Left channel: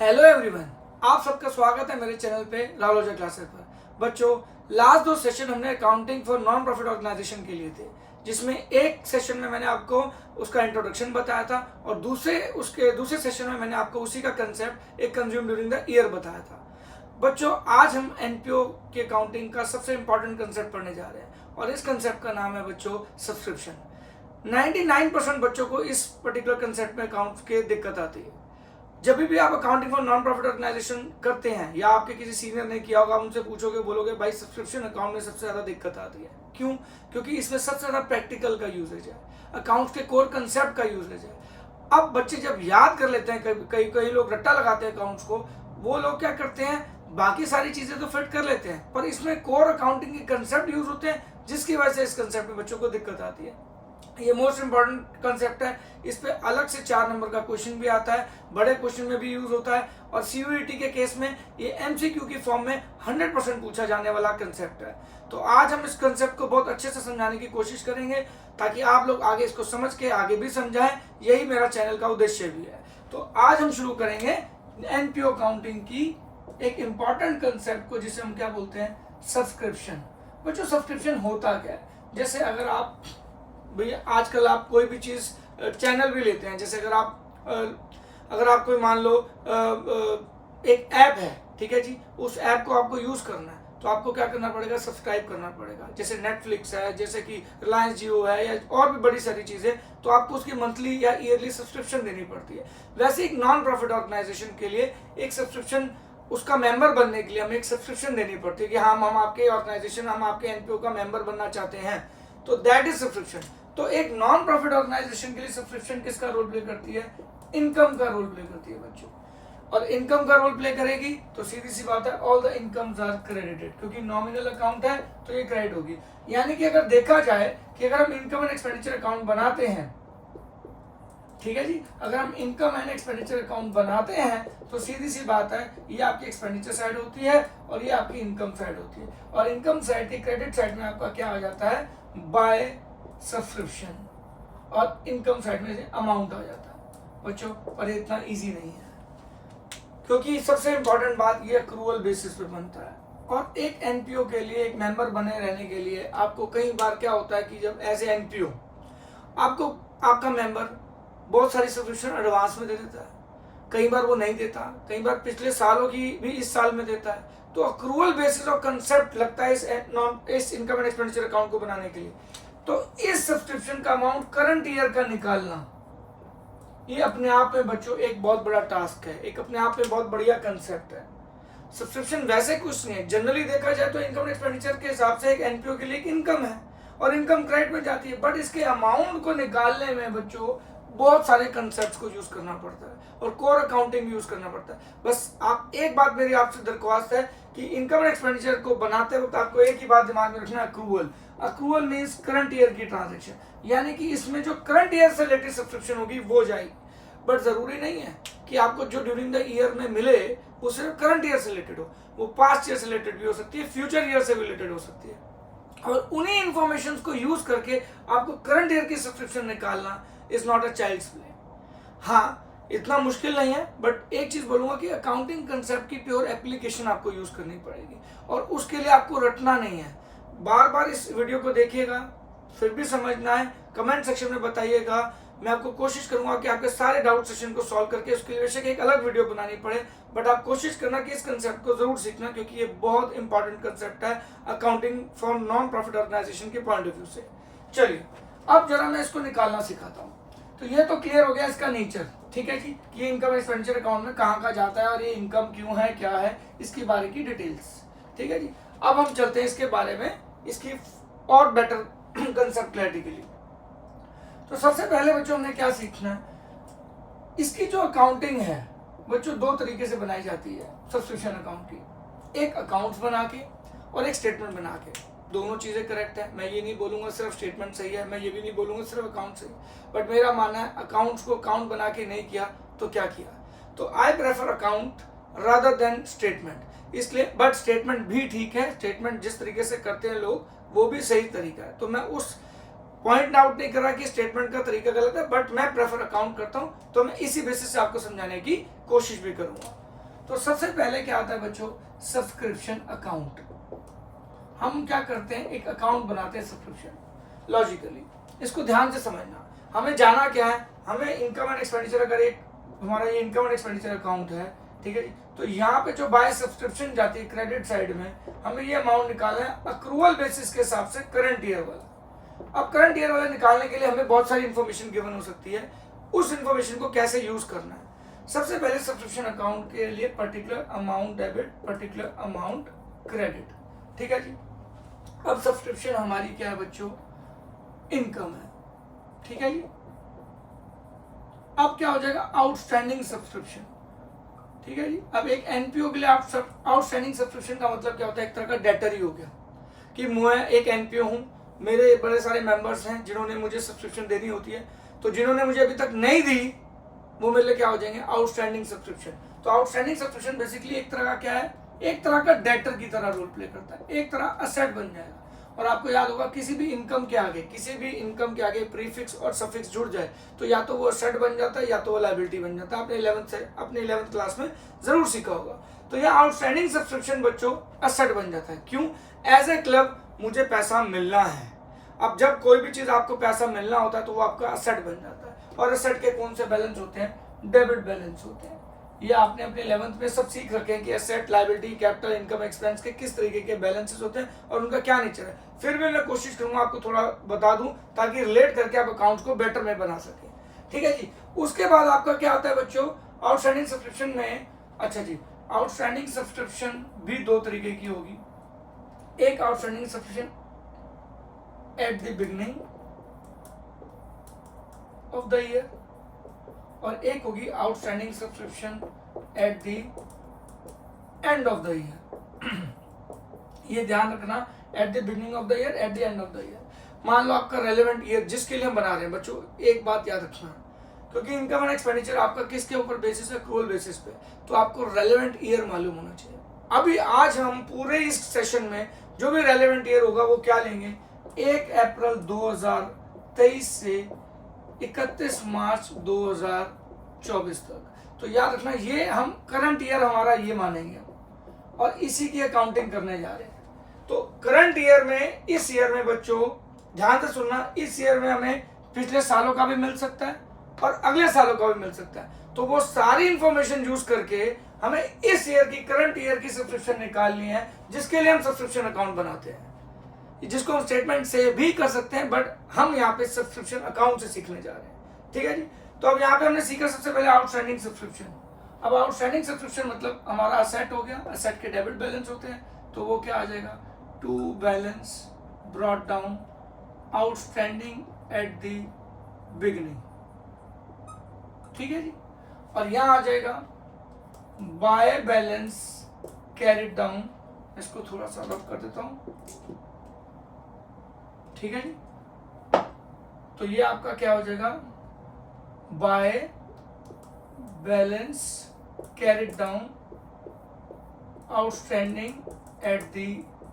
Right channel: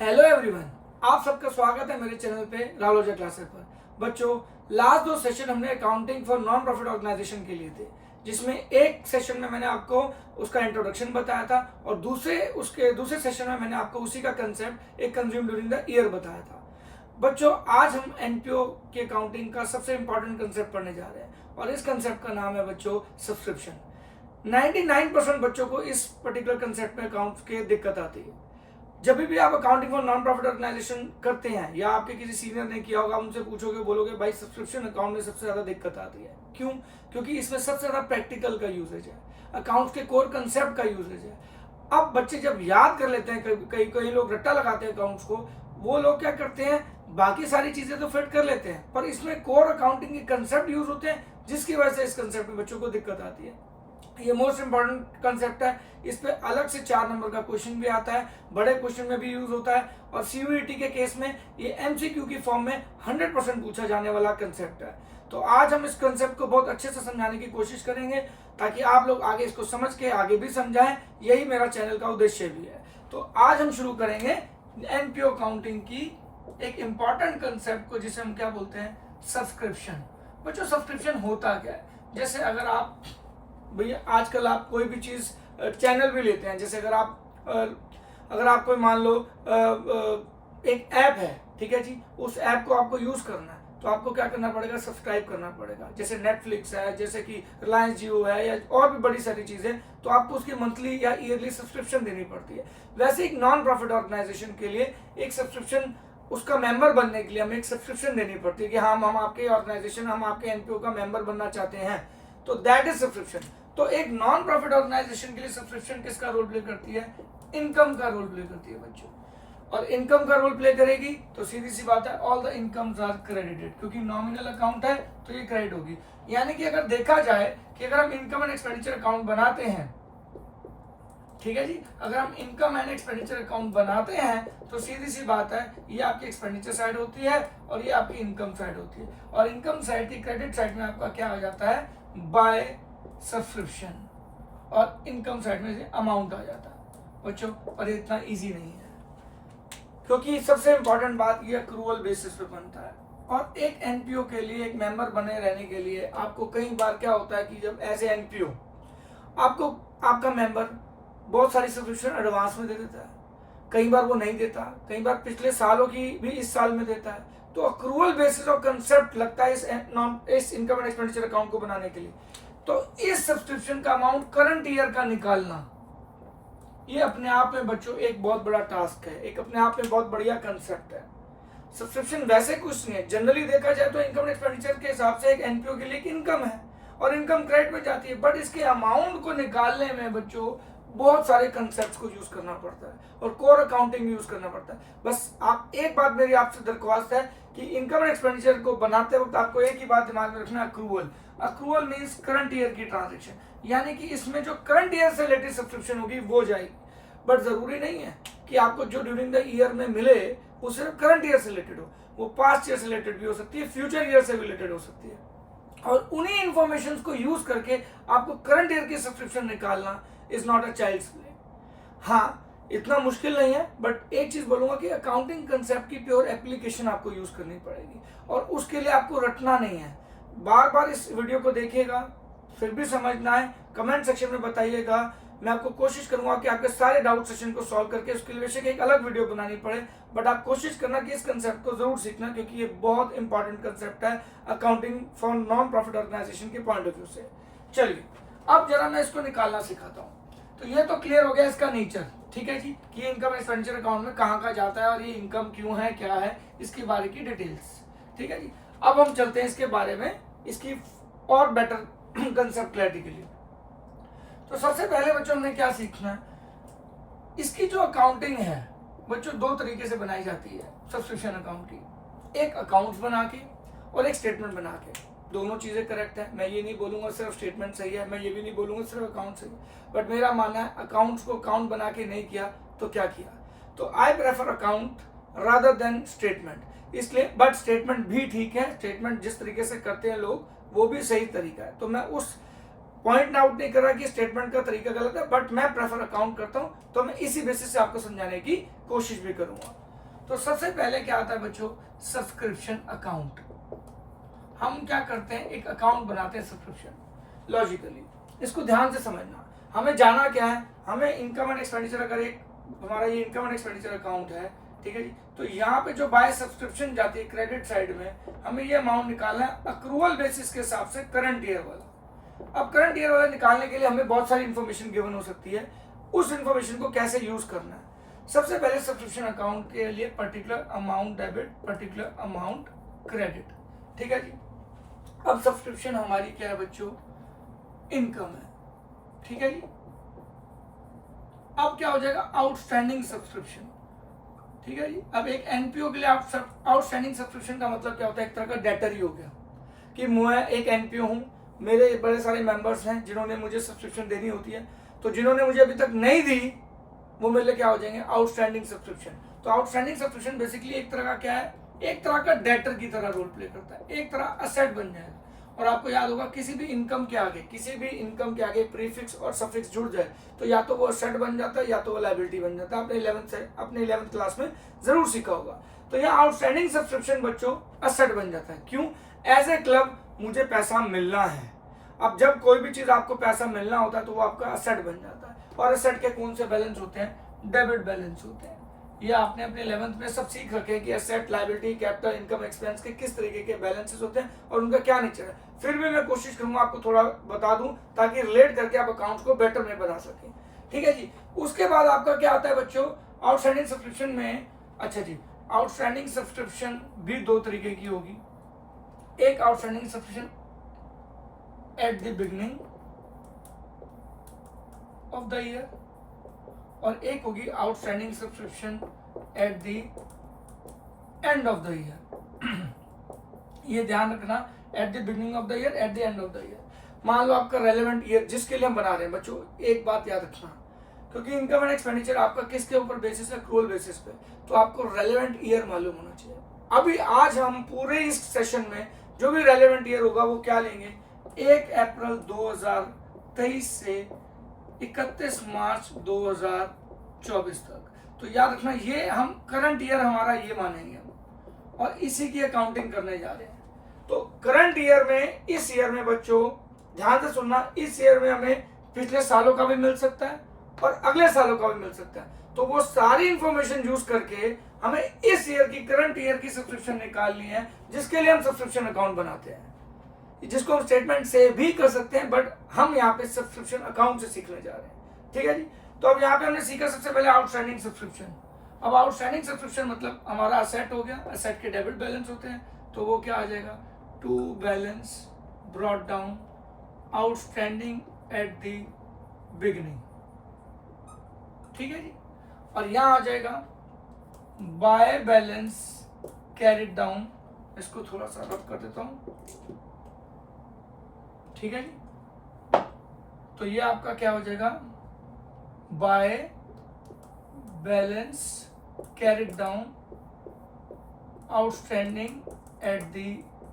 Hello everyone, आप सबका स्वागत है मेरे चैनल पे रालोजा क्लासेस पर। बच्चों, लास्ट 2 सेशन हमने accounting for non profit organisation के लिए थे, जिसमें एक सेशन में मैंने आपको उसका इंट्रोडक्शन बताया था और दूसरे सेशन में मैंने आपको उसी का कंसेप्ट एक कंज्यूम ड्यूरिंग द ईयर बताया था। बच्चों, आज हम एनपीओ की अकाउंटिंग का सबसे इंपॉर्टेंट कंसेप्ट पढ़ने जा रहे हैं और इस कंसेप्ट का नाम है बच्चों सब्सक्रिप्शन। 99% बच्चों को इस पर्टिकुलर कंसेप्ट में अकाउंट के दिक्कत आती है। जब भी आप accounting for non profit organisation करते हैं या आपके किसी सीनियर ने किया होगा, आप उनसे पूछोगे, बोलोगे भाई सब्सक्रिप्शन अकाउंट में सबसे ज्यादा दिक्कत आती है। क्यों? क्योंकि इसमें सबसे ज्यादा प्रैक्टिकल का यूजेज है, अकाउंट के कोर कंसेप्ट का यूजेज है। अब बच्चे जब याद कर लेते हैं, कई लोग रट्टा लगाते हैं अकाउंट्स को, वो लोग क्या करते हैं, बाकी सारी चीजें तो फिट कर लेते हैं पर इसमें कोर अकाउंटिंग के कंसेप्ट यूज होते हैं, जिसकी वजह से इस कंसेप्ट में बच्चों को दिक्कत आती है। ये मोस्ट इंपॉर्टेंट कंसेप्ट है, इस पे अलग से 4 नंबर का क्वेश्चन भी आता है, बड़े क्वेश्चन में भी यूज होता है और सीयूईटी के केस में ये एमसीक्यू की फॉर्म में 100% पूछा जाने वाला कंसेप्ट है। तो आज हम इस कंसेप्ट को बहुत अच्छे से समझाने की कोशिश करेंगे ताकि आप लोग आगे इसको समझ के आगे भी समझाएं, यही मेरा चैनल का उद्देश्य भी है। तो आज हम शुरू करेंगे एनपीओ अकाउंटिंग की एक इंपॉर्टेंट कंसेप्ट को, जिसे हम क्या बोलते हैं, सब्सक्रिप्शन। बच्चों, सब्सक्रिप्शन होता क्या है? जैसे अगर आप भैया आजकल आप कोई भी चीज चैनल भी लेते हैं, जैसे अगर आप कोई मान लो एक ऐप है, ठीक है जी, उस ऐप को आपको यूज करना है तो आपको क्या करना पड़ेगा, सब्सक्राइब करना पड़ेगा। जैसे नेटफ्लिक्स है, जैसे कि रिलायंस जियो है या और भी बड़ी सारी चीजें, तो आपको उसकी मंथली या ईयरली सब्सक्रिप्शन देनी पड़ती है। वैसे एक नॉन प्रॉफिट ऑर्गेनाइजेशन के लिए एक सब्सक्रिप्शन, उसका मेंबर बनने के लिए हमें एक सब्सक्रिप्शन देनी पड़ती है कि हम आपके ऑर्गेनाइजेशन, हम आपके एनपीओ का मेंबर बनना चाहते हैं, तो दैट इज सब्सक्रिप्शन। तो एक नॉन प्रॉफिट ऑर्गेनाइजेशन के लिए सब्सक्रिप्शन किसका रोल प्ले करती है? इनकम का रोल प्ले करती है बच्चों। और इनकम का रोल प्ले करेगी तो सीधी सी बात है, all the incomes are credited, क्योंकि नॉमिनल अकाउंट है तो ये क्रेडिट होगी। यानी कि अगर देखा जाए कि अगर हम इनकम एंड एक्सपेंडिचर अकाउंट बनाते हैं, ठीक है जी, अगर हम इनकम एंड एक्सपेंडिचर अकाउंट बनाते हैं तो सीधी सी बात है, ये आपकी एक्सपेंडिचर साइड होती है और ये आपकी इनकम साइड होती है। और इनकम साइड की क्रेडिट साइड में आपका क्या आ जाता है, बाय सब्सक्रिप्शन, और इनकम साइड में अमाउंट आ जाता है बच्चों। और ये इतना इजी नहीं है, क्योंकि सबसे इंपॉर्टेंट बात ये अक्रूवल बेसिस पे बनता है। और एक एनपीओ के लिए, एक मेंबर बने रहने के लिए आपको कई बार क्या होता है कि जब एज ए एनपीओ आपको आपका मेंबर बहुत सारी सब्सक्रिप्शन एडवांस में दे देता है, कई बार वो नहीं देता, कई बार पिछले सालों की भी इस साल में देता है, तो अक्रूवल बेसिस और कंसेप्ट लगता है इस इनकम एंड एक्सपेंडिचर अकाउंट को बनाने के लिए। तो इस सब्सक्रिप्शन का अमाउंट करंट ईयर का निकालना, ये अपने आप में बच्चों एक बहुत बड़ा टास्क है, एक अपने आप में बहुत बढ़िया कंसेप्ट है। सब्सक्रिप्शन वैसे कुछ नहीं है, जनरली देखा जाए तो इनकम एक्सपेंडिचर के हिसाब से एक एनपीओ के लिए एक इनकम है और इनकम क्रेडिट में जाती है, बट इसके अमाउंट को निकालने में बच्चों बहुत सारे कंसेप्ट्स को यूज करना पड़ता है और कोर अकाउंटिंग यूज करना पड़ता है। बस आप एक बात मेरी आपसे दरख्वास्त है कि इनकम एंड एक्सपेंडिचर को बनाते वक्त आपको एक ही बात दिमाग में रखना, accrual. Accrual means current year की ट्रांजैक्शन, यानी कि इसमें जो करंट ईयर से रिलेटेड सब्सक्रिप्शन होगी वो जाएगी। बट जरूरी नहीं है कि आपको जो ड्यूरिंग द ईयर में मिले वो सिर्फ करंट ईयर से रिलेटेड हो, वो पास्ट ईयर से रिलेटेड भी हो सकती है, फ्यूचर ईयर से भी रिलेटेड हो सकती है। और उन्हीं इंफॉर्मेशन को यूज करके आपको करंट ईयर की सब्सक्रिप्शन निकालना is not a child's play. हाँ, इतना मुश्किल नहीं है, बट एक चीज बोलूंगा कि अकाउंटिंग कंसेप्ट की प्योर एप्लीकेशन आपको यूज करनी पड़ेगी और उसके लिए आपको रटना नहीं है। बार बार इस वीडियो को देखिएगा, फिर भी समझना है, कमेंट सेक्शन में बताइएगा। मैं आपको कोशिश करूंगा कि आपके सारे डाउट सेशन को सॉल्व करके उसके लिए बेशक एक अलग वीडियो बनानी पड़े, बट आप कोशिश करना कि इस कंसेप्ट को जरूर सीखना, क्योंकि ये बहुत इंपॉर्टेंट कंसेप्ट है accounting for non profit organisation के पॉइंट ऑफ व्यू से। चलिए अब जरा मैं इसको निकालना सिखाता हूँ। तो ये तो क्लियर हो गया इसका नेचर, ठीक है जी, कि इनकम एक्सपेंडिचर अकाउंट में कहाँ कहाँ जाता है और ये इनकम क्यों है, क्या है, इसके बारे की डिटेल्स, ठीक है जी। अब हम चलते हैं इसके बारे में, इसकी और बेटर कंसेप्ट क्लैरिटी के लिए। तो सबसे पहले बच्चों हमने क्या सीखना है, इसकी जो अकाउंटिंग है बच्चों 2 तरीके से बनाई जाती है सब्सक्रिप्शन अकाउंट की, एक अकाउंट्स बना के और एक स्टेटमेंट बना के। दोनों चीजें करेक्ट है, मैं ये नहीं बोलूंगा सिर्फ स्टेटमेंट सही है, मैं ये भी नहीं बोलूंगा सिर्फ अकाउंट सही, बट मेरा मानना है अकाउंट्स को अकाउंट बना के नहीं किया तो क्या किया। तो I prefer account rather than statement, इसलिए, बट स्टेटमेंट भी ठीक है, स्टेटमेंट जिस तरीके से करते हैं लोग वो भी सही तरीका है, तो मैं उस पॉइंट आउट नहीं कर रहा कि स्टेटमेंट का तरीका गलत है, बट मैं प्रेफर अकाउंट करता हूं, तो मैं इसी बेसिस से आपको समझाने की कोशिश भी करूंगा। तो सबसे पहले क्या आता है बच्चों, सब्सक्रिप्शन अकाउंट। हम क्या करते हैं, एक अकाउंट बनाते हैं सब्सक्रिप्शन। लॉजिकली इसको ध्यान से समझना, हमें जाना क्या है, हमें इनकम एंड एक्सपेंडिचर, अगर एक हमारा ये इनकम एंड एक्सपेंडिचर अकाउंट है, ठीक है जी, तो यहाँ पे जो बाय सब्सक्रिप्शन जाती है क्रेडिट साइड में, हमें ये अमाउंट निकालना है अक्रूवल बेसिस के हिसाब से करंट ईयर वाला। अब करंट ईयर वाला निकालने के लिए हमें बहुत सारी इंफॉर्मेशन गिवन हो सकती है, उस इंफॉर्मेशन को कैसे यूज करना है। सबसे पहले सब्सक्रिप्शन अकाउंट के लिए particular amount debit, particular amount credit, ठीक है जी। अब सब्सक्रिप्शन हमारी क्या है बच्चों, इनकम है, ठीक है जी। अब क्या हो जाएगा, आउटस्टैंडिंग सब्सक्रिप्शन, ठीक है जी। अब एक एनपीओ के लिए आउटस्टैंडिंग सब्सक्रिप्शन का मतलब क्या होता है, एक तरह का डेटर ही हो गया कि मैं एक एनपीओ हूं, मेरे बड़े सारे मेंबर्स हैं जिन्होंने मुझे सब्सक्रिप्शन देनी होती है, तो जिन्होंने मुझे अभी तक नहीं दी वो मेरे लिए क्या हो जाएंगे, आउटस्टैंडिंग सब्सक्रिप्शन। तो आउटस्टैंडिंग सब्सक्रिप्शन बेसिकली एक तरह का क्या है, एक तरह का डेटर की तरह रोल प्ले करता है, एक तरह असेट बन जाएगा। और आपको याद होगा किसी भी इनकम के आगे प्रीफिक्स और सफिक्स जुड़ जाए तो या तो वो असेट बन जाता है या तो वो लायबिलिटी बन जाता है। अपने 11th क्लास में जरूर सीखा होगा। तो यह आउटस्टैंडिंग सब्सक्रिप्शन बच्चों असेट बन जाता है। क्यों, एज ए क्लब मुझे पैसा मिलना है। अब जब कोई भी चीज आपको पैसा मिलना होता है तो वो आपका असेट बन जाता है। और असेट के कौन से बैलेंस होते हैं, डेबिट बैलेंस होते हैं। ये आपने अपने 11th में सब सीख रखे हैं कि asset, liability, capital, income, expense के किस तरीके के बैलेंसेस होते हैं और उनका क्या नेचर है। फिर भी मैं कोशिश करूंगा आपको थोड़ा बता दूं ताकि रिलेट करके आप अकाउंट्स को बेटर में बना सकें, ठीक है जी। उसके बाद आपका क्या आता है बच्चों, आउटस्टैंडिंग सब्सक्रिप्शन में। अच्छा जी, आउटस्टैंडिंग सब्सक्रिप्शन भी दो तरीके की होगी। एक outstanding subscription at the beginning of the year और एक होगी outstanding subscription at the end of the year. ये ध्यान रखना, eight the beginning of the year, eight the end of the year. मान लो आपका रेलेवेंट ईयर जिसके लिए हम बना रहे हैं बच्चों, एक बात याद रखना, क्योंकि इनकम एंड एक्सपेंडिचर आपका किसके ऊपर बेसिस है, एक्रूअल बेसिस पे, तो आपको रेलेवेंट ईयर मालूम होना चाहिए। अभी आज हम पूरे इस सेशन में जो भी रेलेवेंट ईयर होगा वो क्या लेंगे, 1 अप्रैल 2023 से 31 मार्च 2024 तक। तो याद रखना ये हम करंट ईयर हमारा ये मानेंगे और इसी की अकाउंटिंग करने जा रहे हैं। तो करंट ईयर में, इस ईयर में बच्चों ध्यान से सुनना, इस ईयर में हमें पिछले सालों का भी मिल सकता है और अगले सालों का भी मिल सकता है। तो वो सारी इंफॉर्मेशन यूज करके हमें इस ईयर की, करंट ईयर की सब्सक्रिप्शन निकालनी है, जिसके लिए हम सब्सक्रिप्शन अकाउंट बनाते हैं, जिसको हम स्टेटमेंट से भी कर सकते हैं, बट हम यहाँ पे सब्सक्रिप्शन अकाउंट से सीखने जा रहे हैं, ठीक है जी। तो अब यहाँ पे हमने सीखा सबसे पहले आउटस्टैंडिंग सब्सक्रिप्शन। अब आउटस्टैंडिंग सब्सक्रिप्शन मतलब हमारा असेट हो गया, असेट के डेबिट बैलेंस होते हैं, तो वो क्या आ जाएगा, to balance brought down outstanding at the beginning, ठीक है जी। और यहाँ आ जाएगा बाय बैलेंस कैरिड डाउन, इसको थोड़ा सा रब कर देता हूं, ठीक है जी। तो ये आपका क्या हो जाएगा, by balance carried down outstanding at the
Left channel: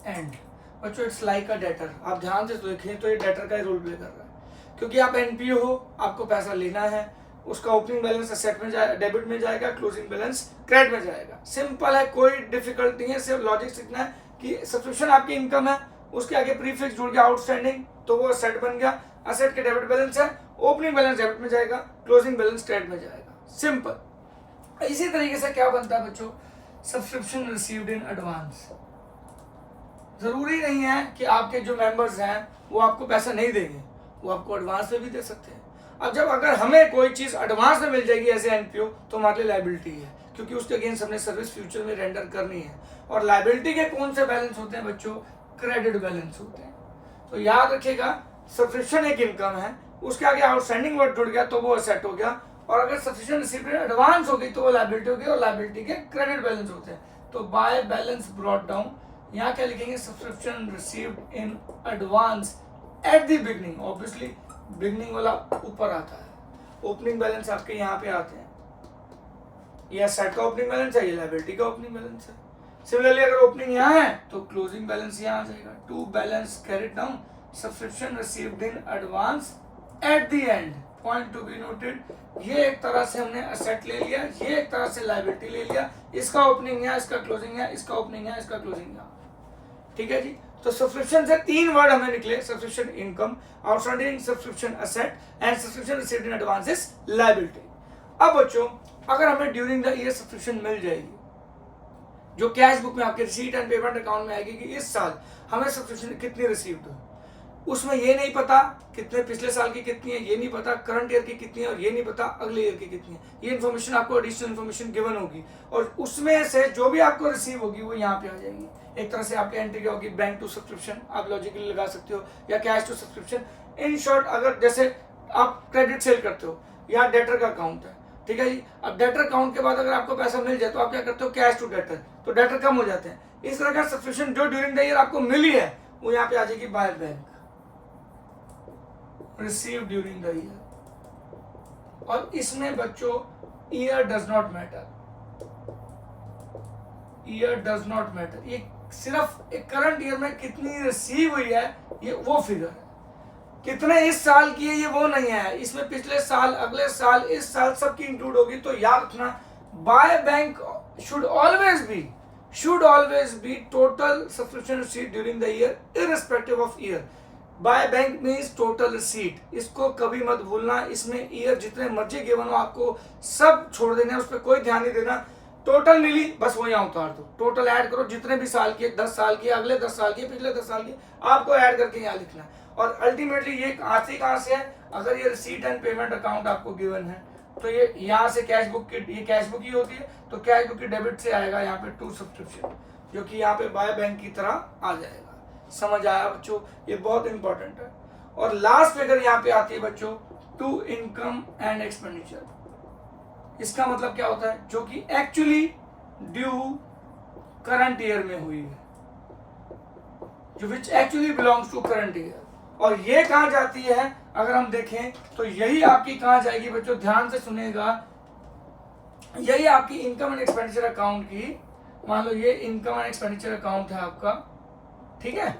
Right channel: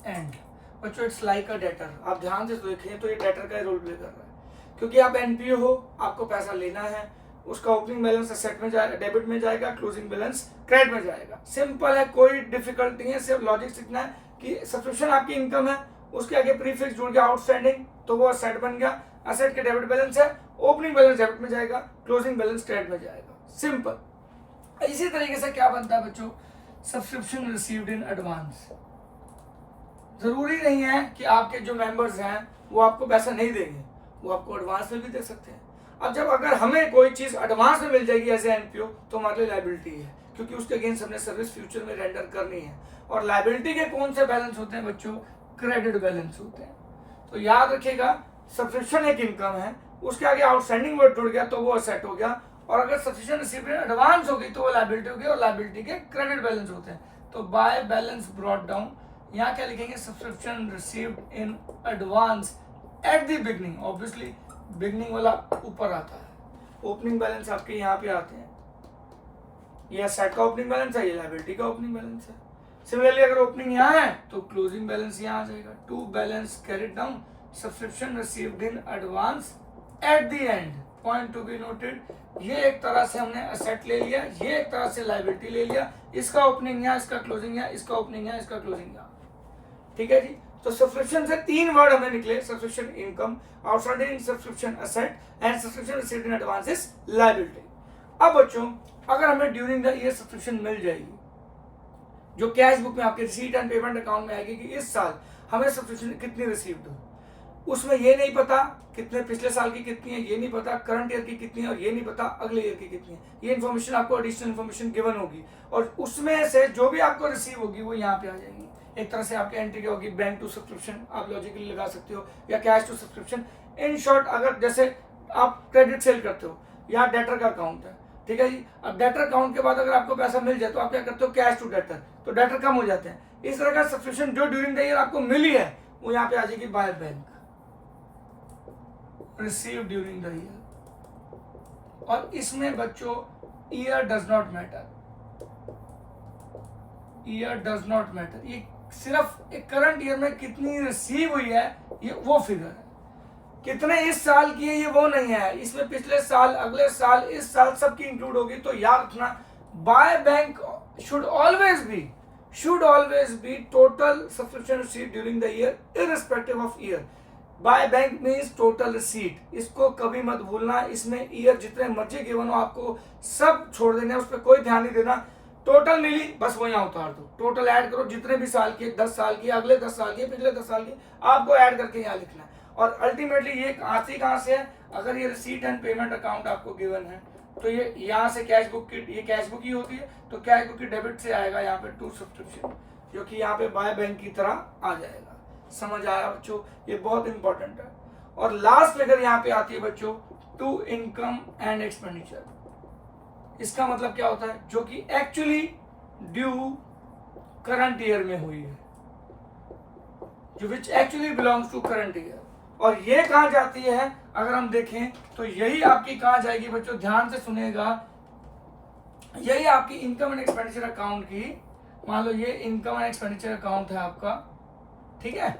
and. बच्चों इट्स लाइक अ डेटर, आप ध्यान से देखें तो ये डेटर का ही रोल प्ले कर रहा है, क्योंकि आप एनपीओ हो, आपको पैसा लेना है, उसका ओपनिंग बैलेंस असेट में जाएगा, डेबिट में जाएगा, क्लोजिंग बैलेंस क्रेडिट में जाएगा। सिंपल है, कोई डिफिकल्ट नहीं है, सिर्फ लॉजिक सीखना है कि सब्सक्रिप्शन आपकी इनकम है, उसके आगे प्रीफिक्स जुड़ गया आउटस्टैंडिंग, तो वो असेट बन गया, असेट के डेबिट बैलेंस है, ओपनिंग बैलेंस डेबिट में जाएगा, क्लोजिंग बैलेंस क्रेडिट में जाएगा, सिंपल। इसी तरीके से क्या बनता है बच्चों, सब्सक्रिप्शन रिसीव्ड इन एडवांस। जरूरी नहीं है कि आपके जो मेंबर्स हैं वो आपको पैसा नहीं देंगे, वो आपको एडवांस में भी दे सकते हैं। अब जब अगर हमें कोई चीज एडवांस में मिल जाएगी एज ए एनपीओ तो हमारे लिए लायबिलिटी है, क्योंकि उसके अगेंस्ट हमने सर्विस फ्यूचर में रेंडर करनी है। और लायबिलिटी के कौन से बैलेंस होते हैं बच्चों, क्रेडिट बैलेंस होते हैं। तो याद रखिएगा, सब्सक्रिप्शन एक इनकम है, उसके आगे आउटस्टैंडिंग वर्ड जुड़ गया तो वो असेट हो गया, और अगर सब्सक्रिप्शन रिसीव्ड एडवांस हो गई तो वो लायबिलिटी हो गई, और लायबिलिटी के क्रेडिट बैलेंस होते हैं। तो बाय बैलेंस ब्रॉट डाउन, यहाँ क्या लिखेंगे, subscription received in advance at the beginning. Obviously beginning वाला ऊपर आता है, ओपनिंग बैलेंस आपके यहाँ पे आते हैं, ये असेट का ओपनिंग बैलेंस है, ये लायबिलिटी का ओपनिंग बैलेंस है। सिमिलरली अगर ओपनिंग यहाँ है तो क्लोजिंग बैलेंस यहाँ आ जाएगा, to balance carried down subscription received in advance at the end. Point to be noted, ये एक तरह से हमने असेट ले लिया, ये एक तरह से लायबिलिटी ले लिया, इसका ओपनिंग यहाँ, इसका क्लोजिंग यहाँ, इसका ओपनिंग यहाँ, इसका क्लोजिंग यहाँ। ठीक है जी। तो सब्सक्रिप्शन से 3 वर्ड हमें निकले, subscription income, outstanding subscription asset and subscription received in advance is liability. अब बच्चों अगर हमें ड्यूरिंग द ईयर सब्सक्रिप्शन मिल जाएगी जो कैश बुक में आपके रिसीट एंड पेमेंट अकाउंट में आएगी कि इस साल हमें सब्सक्रिप्शन कितनी रिसीव्ड हुई, उसमें ये नहीं पता कितने पिछले साल की कितनी है, ये नहीं पता करंट ईयर की कितनी है, और ये नहीं पता अगले ईयर की कितनी है, ये इन्फॉर्मेशन आपको एडिशनल इन्फॉर्मेशन गिवन होगी और उसमें से जो भी आपको रिसीव होगी वो यहाँ पे आ जाएगी। एक तरह से आपकी एंट्री क्या होगी, बैंक टू सब्सक्रिप्शन आप लॉजिकली लगा सकते हो, या cash to subscription. In short अगर जैसे आप क्रेडिट सेल करते हो, यहाँ डेटर का अकाउंट है, ठीक है जी। अब डेटर अकाउंट के बाद अगर आपको पैसा मिल जाए तो आप क्या करते हो, कैश टू डेटर, तो डेटर कम हो जाते हैं। इस तरह का सब्सक्रिप्शन जो ड्यूरिंग द ईयर आपको मिली है वो यहाँ पे आ जाएगी by bank, receive during the year. और इसमें बच्चों year does not matter, year does not matter, ये सिर्फ एक करंट ईयर में कितनी रिसीव हुई है ये वो फिगर है, कितने इस साल की है ये वो नहीं है, इसमें पिछले साल, अगले साल, इस साल सबकी इंक्लूड होगी। तो याद रखना by bank should always be total subscription receipt during the year irrespective of year. By bank means total receipt, इसको कभी मत भूलना। इसमें ईयर जितने मर्जी गिवन हो आपको सब छोड़ देना, उस पर कोई ध्यान नहीं देना। टोटल मिली बस वो यहाँ उतार दो, टोटल ऐड करो जितने भी साल की, 10 साल की, अगले 10 साल की, पिछले 10 साल की, आपको ऐड करके यहाँ लिखना है। और अल्टीमेटली ये आती कहाँ से है, अगर ये रिसीट एंड पेमेंट अकाउंट आपको गिवन है तो ये यहाँ से कैश बुक की, ये कैश बुक ही होती है, तो कैश बुक की डेबिट से आएगा यहाँ पे टू सब्सक्रिप्शन, जो कि यहाँ पे बाय बैंक की तरह आ जाएगा। समझ आया बच्चों, ये बहुत इंपॉर्टेंट है। और लास्ट फिगर यहाँ पे आती है बच्चों टू इनकम एंड एक्सपेंडिचर। इसका मतलब क्या होता है, जो कि एक्चुअली ड्यू करंट ईयर में हुई है, जो which actually belongs to current year. और ये कहाँ जाती है अगर हम देखें तो यही आपकी कहाँ जाएगी बच्चों, ध्यान से सुनिएगा, यही आपकी इनकम एंड एक्सपेंडिचर अकाउंट की, मान लो ये इनकम एंड एक्सपेंडिचर अकाउंट है आपका, ठीक है,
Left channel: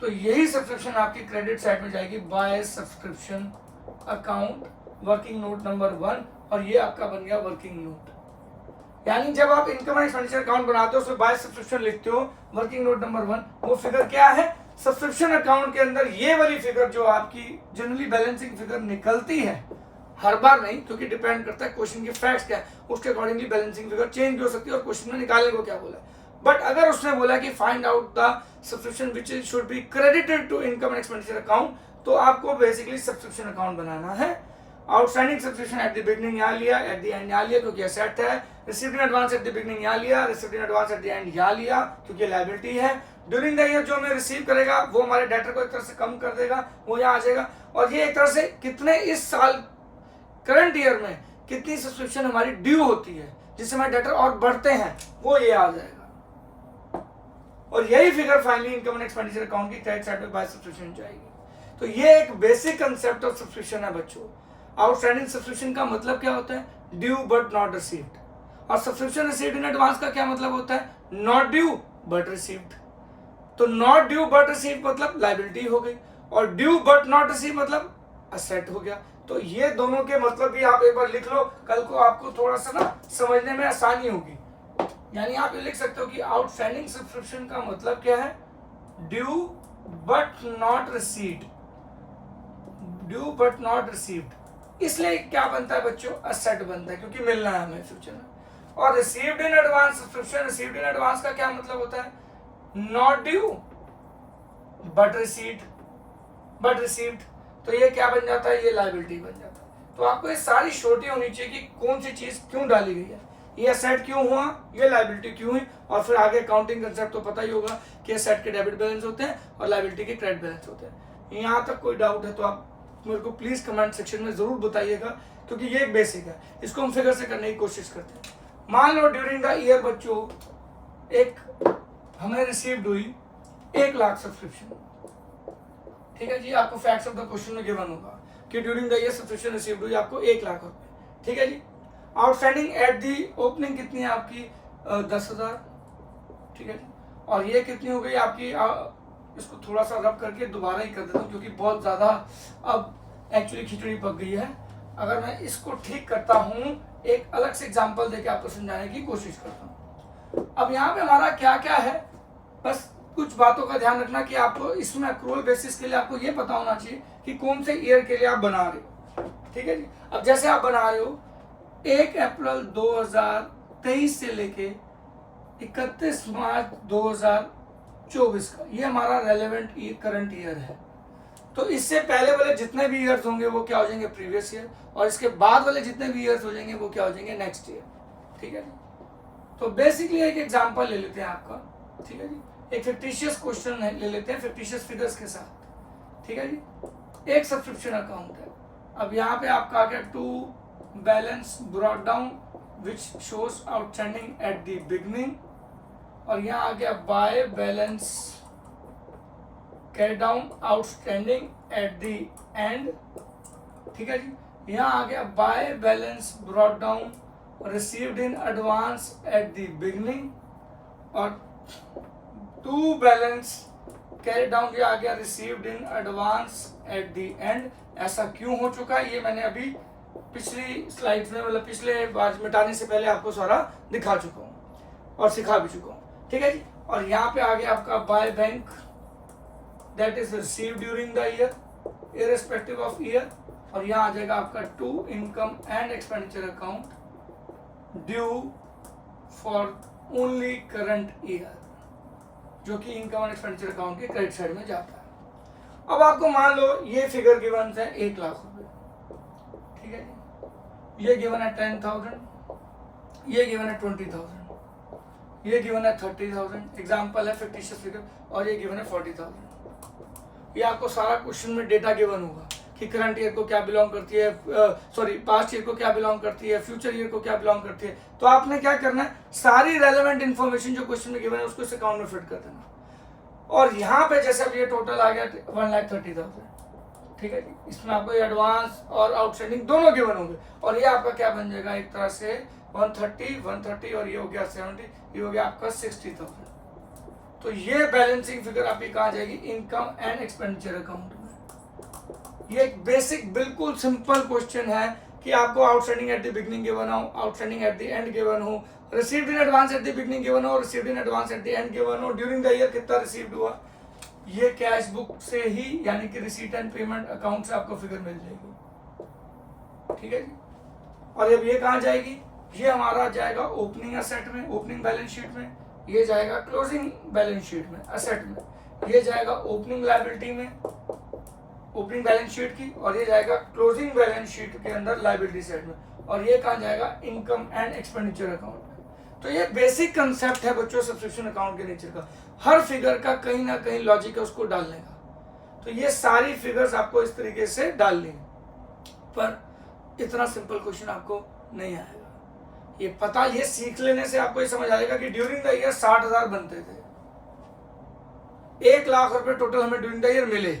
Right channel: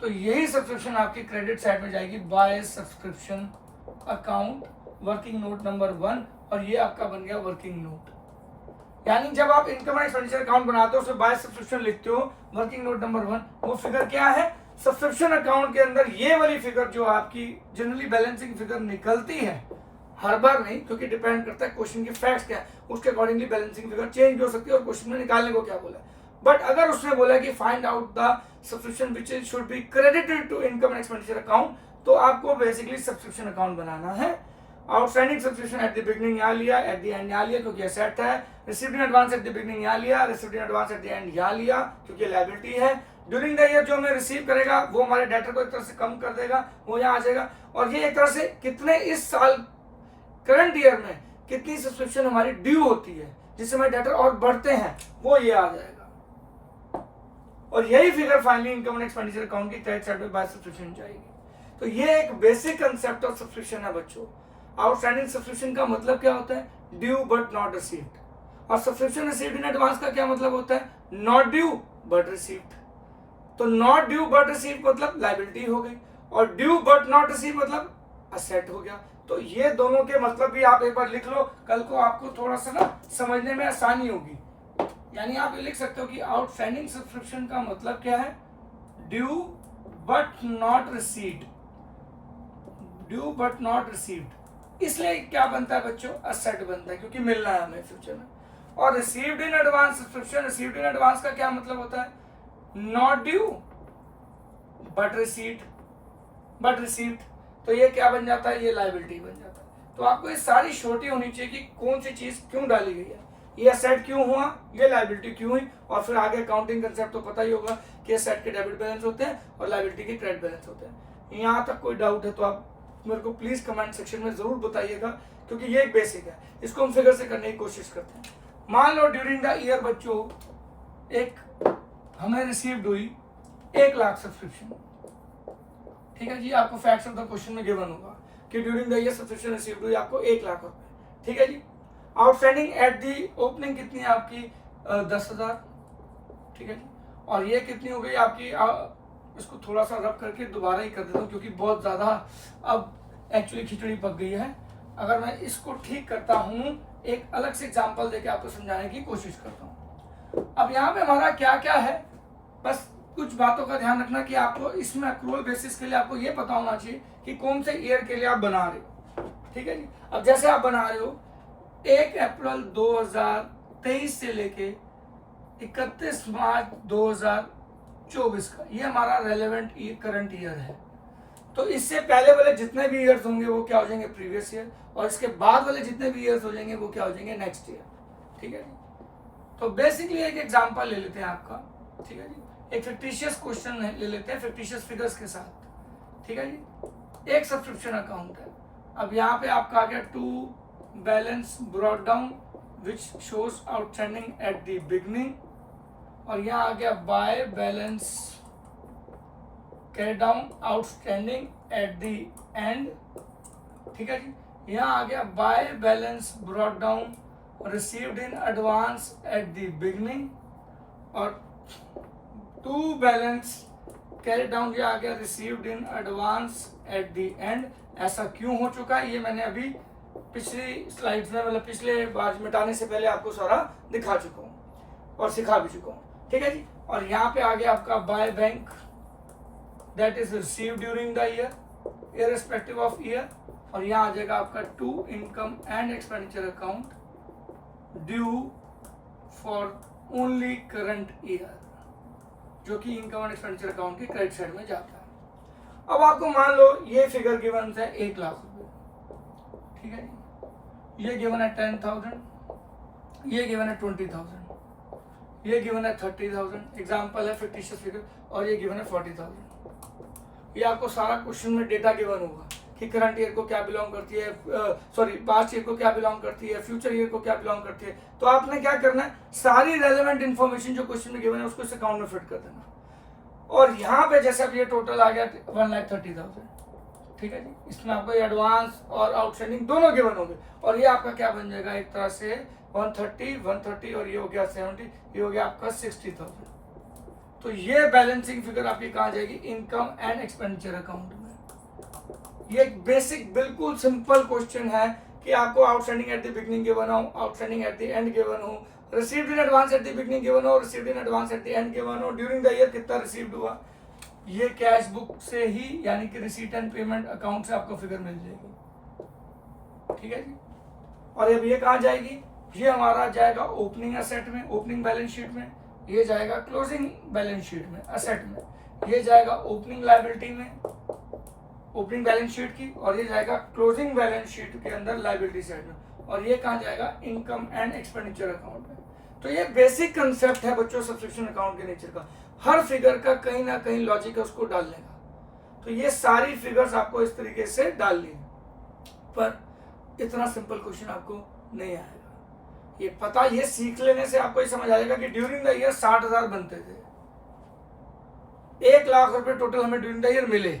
तो यही सब्सक्रिप्शन आपकी क्रेडिट साइड में जाएगी by subscription account working note number 1, और ये आपका बन गया वर्किंग नोट। यानी जब आप इनकम एंड एक्सपेंडिचर अकाउंट बनाते हो उसमें बाय सब्सक्रिप्शन लिखते हो, वर्किंग नोट नंबर 1, वो फिगर क्या है, सब्सक्रिप्शन अकाउंट के अंदर ये वाली फिगर जो आपकी जनरली बैलेंसिंग फिगर निकलती है, हर बार नहीं, क्योंकि डिपेंड करता है क्वेश्चन की फैक्ट्स क्या है, उसके अकॉर्डिंगली बैलेंसिंग फिगर चेंज भी हो सकती है और क्वेश्चन में निकालने को क्या बोला है। बट अगर उसने बोला कि find out the subscription which should be credited to income and expenditure account, तो आपको बेसिकली सब्सक्रिप्शन अकाउंट बनाना है। Outstanding subscription at the beginning यहाँ लिया, एट द एंड यहाँ लिया क्योंकि असेट है, received in advance at the beginning यहाँ लिया, received in advance at the and यहाँ लिया क्योंकि लायबिलिटी है। ड्यूरिंग द ईयर जो हमें रिसीव करेगा वो हमारे डेटर को एक तरह से कम कर देगा, वो यहाँ आ जाएगा। और ये एक तरह से कितने इस साल करंट ईयर में कितनी सब्सक्रिप्शन हमारी ड्यू होती है जिससे हमारे डेटर और बढ़ते हैं, वो ये आ जाएगा। और यही figure finally income and expenditure account की क्रेडिट साइड में बाय सब्सक्रिप्शन जाएगी। तो ये एक बेसिक कंसेप्ट ऑफ सब्सक्रिप्शन है बच्चों। आउटस्टैंडिंग सब्सक्रिप्शन का मतलब क्या होता है, ड्यू बट नॉट रिसीव्ड। और सब्सक्रिप्शन रिसीव्ड इन एडवांस का क्या मतलब होता है, नॉट ड्यू बट रिसीव्ड। तो नॉट ड्यू बट रिसीव्ड मतलब लायबिलिटी हो गई, और ड्यू बट नॉट रिसीव मतलब असेट हो गया। तो ये दोनों के मतलब भी आप एक बार लिख लो, कल को आपको थोड़ा सा ना समझने में आसानी होगी। यानी आप ये लिख सकते हो कि आउटस्टैंडिंग सब्सक्रिप्शन का मतलब क्या है, due but not received, due but not received. इसलिए क्या बनता है बच्चों, असेट बनता है क्योंकि मिलना है हमें फ्यूचर में। और received in advance subscription, received in advance का क्या मतलब होता है, नॉट ड्यू बट रिसीव्ड। तो ये क्या बन जाता है, ये लायबिलिटी बन जाता है। तो आपको ये सारी छोटी होनी चाहिए कि कौन सी चीज क्यों डाली गई है, ये असेट क्यों हुआ, ये लायबिलिटी क्यों हुई, और फिर आगे अकाउंटिंग कंसेप्ट तो पता ही होगा कि असेट के डेबिट बैलेंस होते हैं और लायबिलिटी के क्रेडिट बैलेंस होते हैं। यहाँ तक कोई डाउट है तो आप मेरे को प्लीज कमेंट सेक्शन में जरूर बताइएगा, क्योंकि ये एक बेसिक है, इसको हम फिगर से करने की कोशिश करते हैं। मान लो ड्यूरिंग द ईयर बच्चों एक हमें रिसीव्ड हुई 1 लाख सब्सक्रिप्शन, ठीक है जी। आपको फैक्ट्स ऑफ द क्वेश्चन में गिवन होगा कि during the year subscription received हुई आपको 1 लाख रुपए, ठीक है जी। आउटस्टैंडिंग एट दी ओपनिंग कितनी है आपकी, 10,000, ठीक है जी। और ये कितनी हो गई आपकी, इसको थोड़ा सा रब करके दोबारा ही कर देता हूँ क्योंकि बहुत ज्यादा अब एक्चुअली खिचड़ी पक गई है। अगर मैं इसको ठीक करता हूँ, एक अलग से एग्जांपल देके आपको समझाने की कोशिश करता हूँ। अब यहाँ पे हमारा क्या क्या है, बस कुछ बातों का ध्यान रखना कि आपको इसमें अक्रूवल बेसिस के लिए आपको ये पता होना चाहिए कि कौन से ईयर के लिए आप बना रहे हो, ठीक है जी। अब जैसे आप बना रहे हो 1 अप्रैल 2023 से लेके 31 मार्च 2024 का, ये हमारा रेलेवेंट करंट ईयर है। तो इससे पहले वाले जितने भी ईयर्स होंगे वो क्या हो जाएंगे, प्रीवियस ईयर, और इसके बाद वाले जितने भी ईयर्स हो जाएंगे वो क्या हो जाएंगे, नेक्स्ट ईयर, ठीक है जी। तो बेसिकली एक एग्जांपल ले लेते हैं आपका, ठीक है जी। एक फिक्टिशियस क्वेश्चन ले लेते हैं फिक्टिशियस फिगर्स के साथ, ठीक है जी। एक सब्सक्रिप्शन अकाउंट है। अब यहाँ पे आपका आ गया to balance brought down which shows outstanding at the beginning, और यहाँ आ गया by balance carry down outstanding at the end, ठीक है जी। यहाँ आ गया by balance brought down received in advance at the beginning, और टू बैलेंस कैरी डाउन ये आ गया received in advance at the end. ऐसा क्यों हो चुका है ये मैंने अभी पिछली स्लाइड्स में, मतलब पिछले बार मिटाने से पहले आपको सारा दिखा चुका हूँ और सिखा भी चुका हूँ, ठीक है जी। और यहाँ पे आ गया आपका by bank that is received during the year irrespective of year, और यहाँ आ जाएगा आपका to income and expenditure account due for only current year, जो कि इनकम एंड एक्सपेंडिचर अकाउंट के क्रेडिट साइड में जाता है। अब आपको मान लो ये फिगर गिवन है 1 लाख रुपए, ठीक है, ये गिवन है 10,000, ये गिवन है 20,000, ये गिवन है 30,000, एग्जाम्पल है फिक्टिशियस फिगर, और ये गिवन है 40,000। ये आपको सारा क्वेश्चन में डेटा गिवन होगा कि करंट ईयर को क्या बिलोंग करती है, सॉरी पास्ट ईयर को क्या बिलोंग करती है, फ्यूचर ईयर को क्या बिलोंग करती है। तो आपने क्या करना है, सारी रेलेवेंट इन्फॉर्मेशन जो क्वेश्चन में गिवन है उसको इस अकाउंट में फिट कर देना। और यहाँ पे जैसे अब ये टोटल आ गया 1,30,000, ठीक है जी। इसमें आपको एडवांस और आउटस्टैंडिंग दोनों गिवन होंगे, और ये आपका क्या बन जाएगा, एक तरह से 130 और ये हो गया 70, ये हो गया आपका 60,000। तो ये बैलेंसिंग फिगर आपकी कहाँ जाएगी, इनकम एंड एक्सपेंडिचर अकाउंट में। ये एक बेसिक बिल्कुल सिंपल क्वेश्चन है कि आपको outstanding at the beginning given हो, outstanding at the end given हो, received in advance at the beginning given हो, received in advance at the end given हो, ड्यूरिंग द ईयर कितना रिसीव्ड हुआ, ये कैश बुक से ही यानी कि रिसीट एंड पेमेंट अकाउंट से आपको फिगर मिल जाएगी, ठीक है जी। और अब ये कहाँ जाएगी, ये हमारा जाएगा ओपनिंग एसेट में, ओपनिंग बैलेंस शीट में, ये जाएगा क्लोजिंग बैलेंस शीट में एसेट में, ये जाएगा ओपनिंग लायबिलिटी में ओपनिंग बैलेंस शीट की, और ये जाएगा क्लोजिंग बैलेंस शीट के अंदर लायबिलिटी साइड में, और ये कहाँ जाएगा, इनकम एंड एक्सपेंडिचर अकाउंट में। तो ये बेसिक कंसेप्ट है बच्चों सब्सक्रिप्शन अकाउंट के नेचर का। हर फिगर का कहीं ना कहीं लॉजिक है उसको डालने का। तो ये सारी फिगर्स आपको इस तरीके से डालनी है, पर इतना सिंपल क्वेश्चन आपको नहीं आएगा। ये पता, ये सीख लेने से आपको ये समझ आ जाएगा कि ड्यूरिंग द ईयर 60,000 बनते थे, 1 लाख रुपए टोटल हमें ड्यूरिंग द ईयर मिले,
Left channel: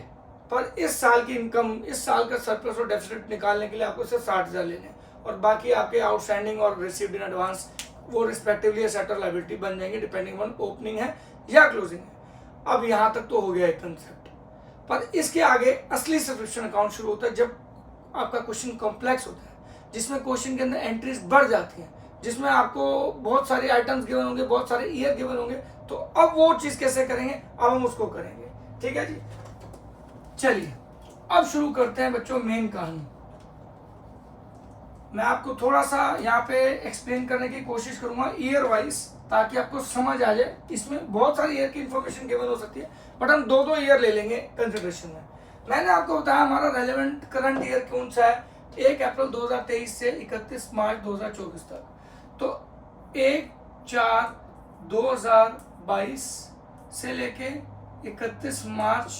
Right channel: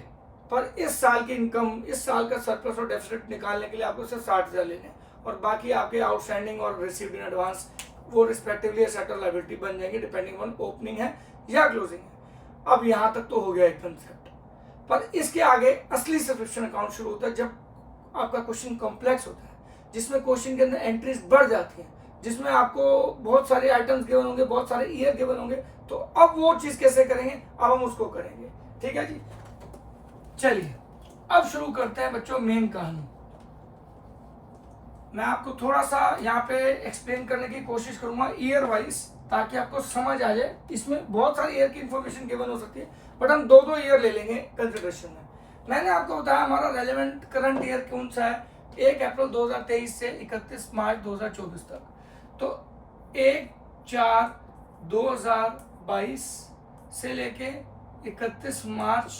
पर इस साल की इनकम, इस साल का सरप्लस और डेफिसिट निकालने के लिए आपको सिर्फ 60,000 लेने, और बाकी आपके आउटस्टैंडिंग और रिसीव्ड इन एडवांस वो रिस्पेक्टिवली एसेट और लायबिलिटी बन जाएंगे डिपेंडिंग ऑन ओपनिंग है या क्लोजिंग है। अब यहाँ तक तो हो गया एक कंसेप्ट, पर इसके आगे असली सब्सक्रिप्शन अकाउंट शुरू होता है जब आपका क्वेश्चन कॉम्प्लेक्स होता है, जिसमें क्वेश्चन के अंदर एंट्रीज बढ़ जाती हैं, जिसमें आपको बहुत सारे आइटम्स गिवन होंगे, बहुत सारे ईयर गिवन होंगे। तो अब वो चीज कैसे करेंगे, अब हम उसको करेंगे, ठीक है जी। चलिए अब शुरू करते हैं बच्चों मेन कहानी। मैं आपको थोड़ा सा यहाँ पे एक्सप्लेन करने की कोशिश करूंगा ईयर वाइज, ताकि आपको समझ आ जाए। इसमें बहुत सारी ईयर की इंफॉर्मेशन गिवन हो सकती है, बट हम दो ईयर ले लेंगे कंसिडरेशन में। मैंने आपको बताया हमारा रेलेवेंट करंट ईयर कौन सा है, 1 अप्रैल 2023 से 31 मार्च 2024 तक। तो 1/4/2022 से लेके 31 मार्च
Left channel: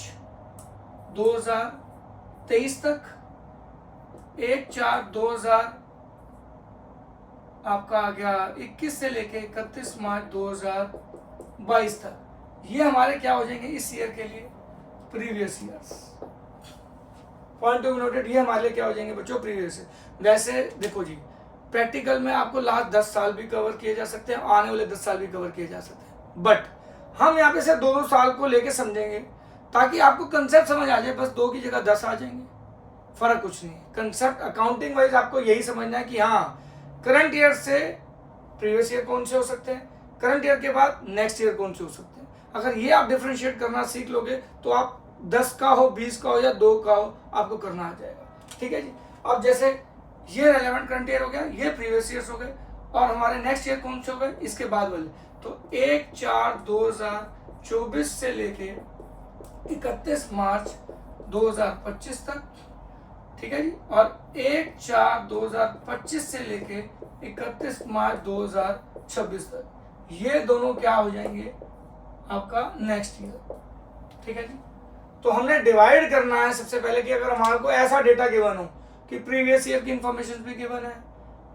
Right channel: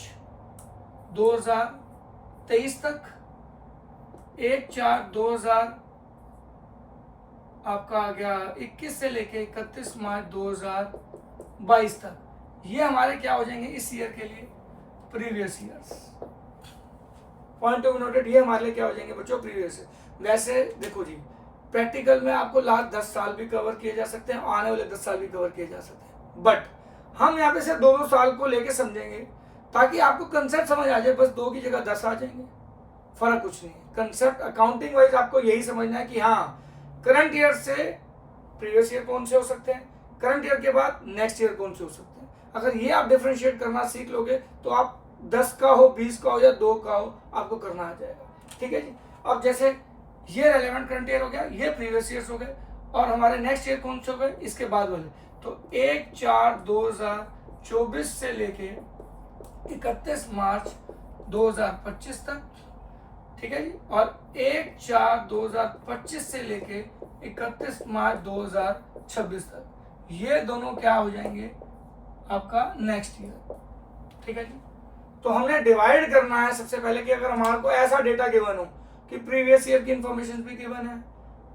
2023 तक, 1/4/2000 आपका आ गया 21 से लेके 31 मार्च 2022 तक। ये हमारे क्या हो जाएंगे इस ईयर के लिए, previous years. Point of noted, ये हमारे लिए क्या हो जाएंगे बच्चों, प्रीवियस ईयर। वैसे देखो जी, प्रैक्टिकल में आपको लास्ट 10 साल भी कवर किए जा सकते हैं, आने वाले 10 साल भी कवर किए जा सकते हैं, बट हम यहाँ पे से 2 साल को लेके समझेंगे ताकि आपको कंसेप्ट समझ आ जाए। बस 2 की जगह 10 आ जाएंगे, फर्क कुछ नहीं है। कंसेप्ट अकाउंटिंग वाइज आपको यही समझना है कि हाँ करंट ईयर से प्रीवियस ईयर कौन से हो सकते हैं, करंट ईयर के बाद नेक्स्ट ईयर कौन से हो सकते हैं। अगर ये आप डिफरेंशिएट करना सीख लोगे तो आप 10 का हो, 20 का हो या 2 का हो, आपको करना आ जाएगा। ठीक है जी। अब जैसे ये रेलेवेंट करंट ईयर हो गया, ये प्रीवियस ईयर्स हो गए, और हमारे नेक्स्ट ईयर कौन से हो गए इसके बाद वाले। तो 1/4/2024 से लेके 31 मार्च 2025 तक, ठीक है जी, और 1/4/2025 से लेके 31 मार्च 2026 तक, ये दोनों क्या हो जाएंगे आपका नेक्स्ट ईयर। ठीक है जी। तो हमने डिवाइड करना है सबसे पहले कि अगर हमारे को ऐसा डेटा गिवन हो कि प्रीवियस ईयर की इंफॉर्मेशन भी गिवन है,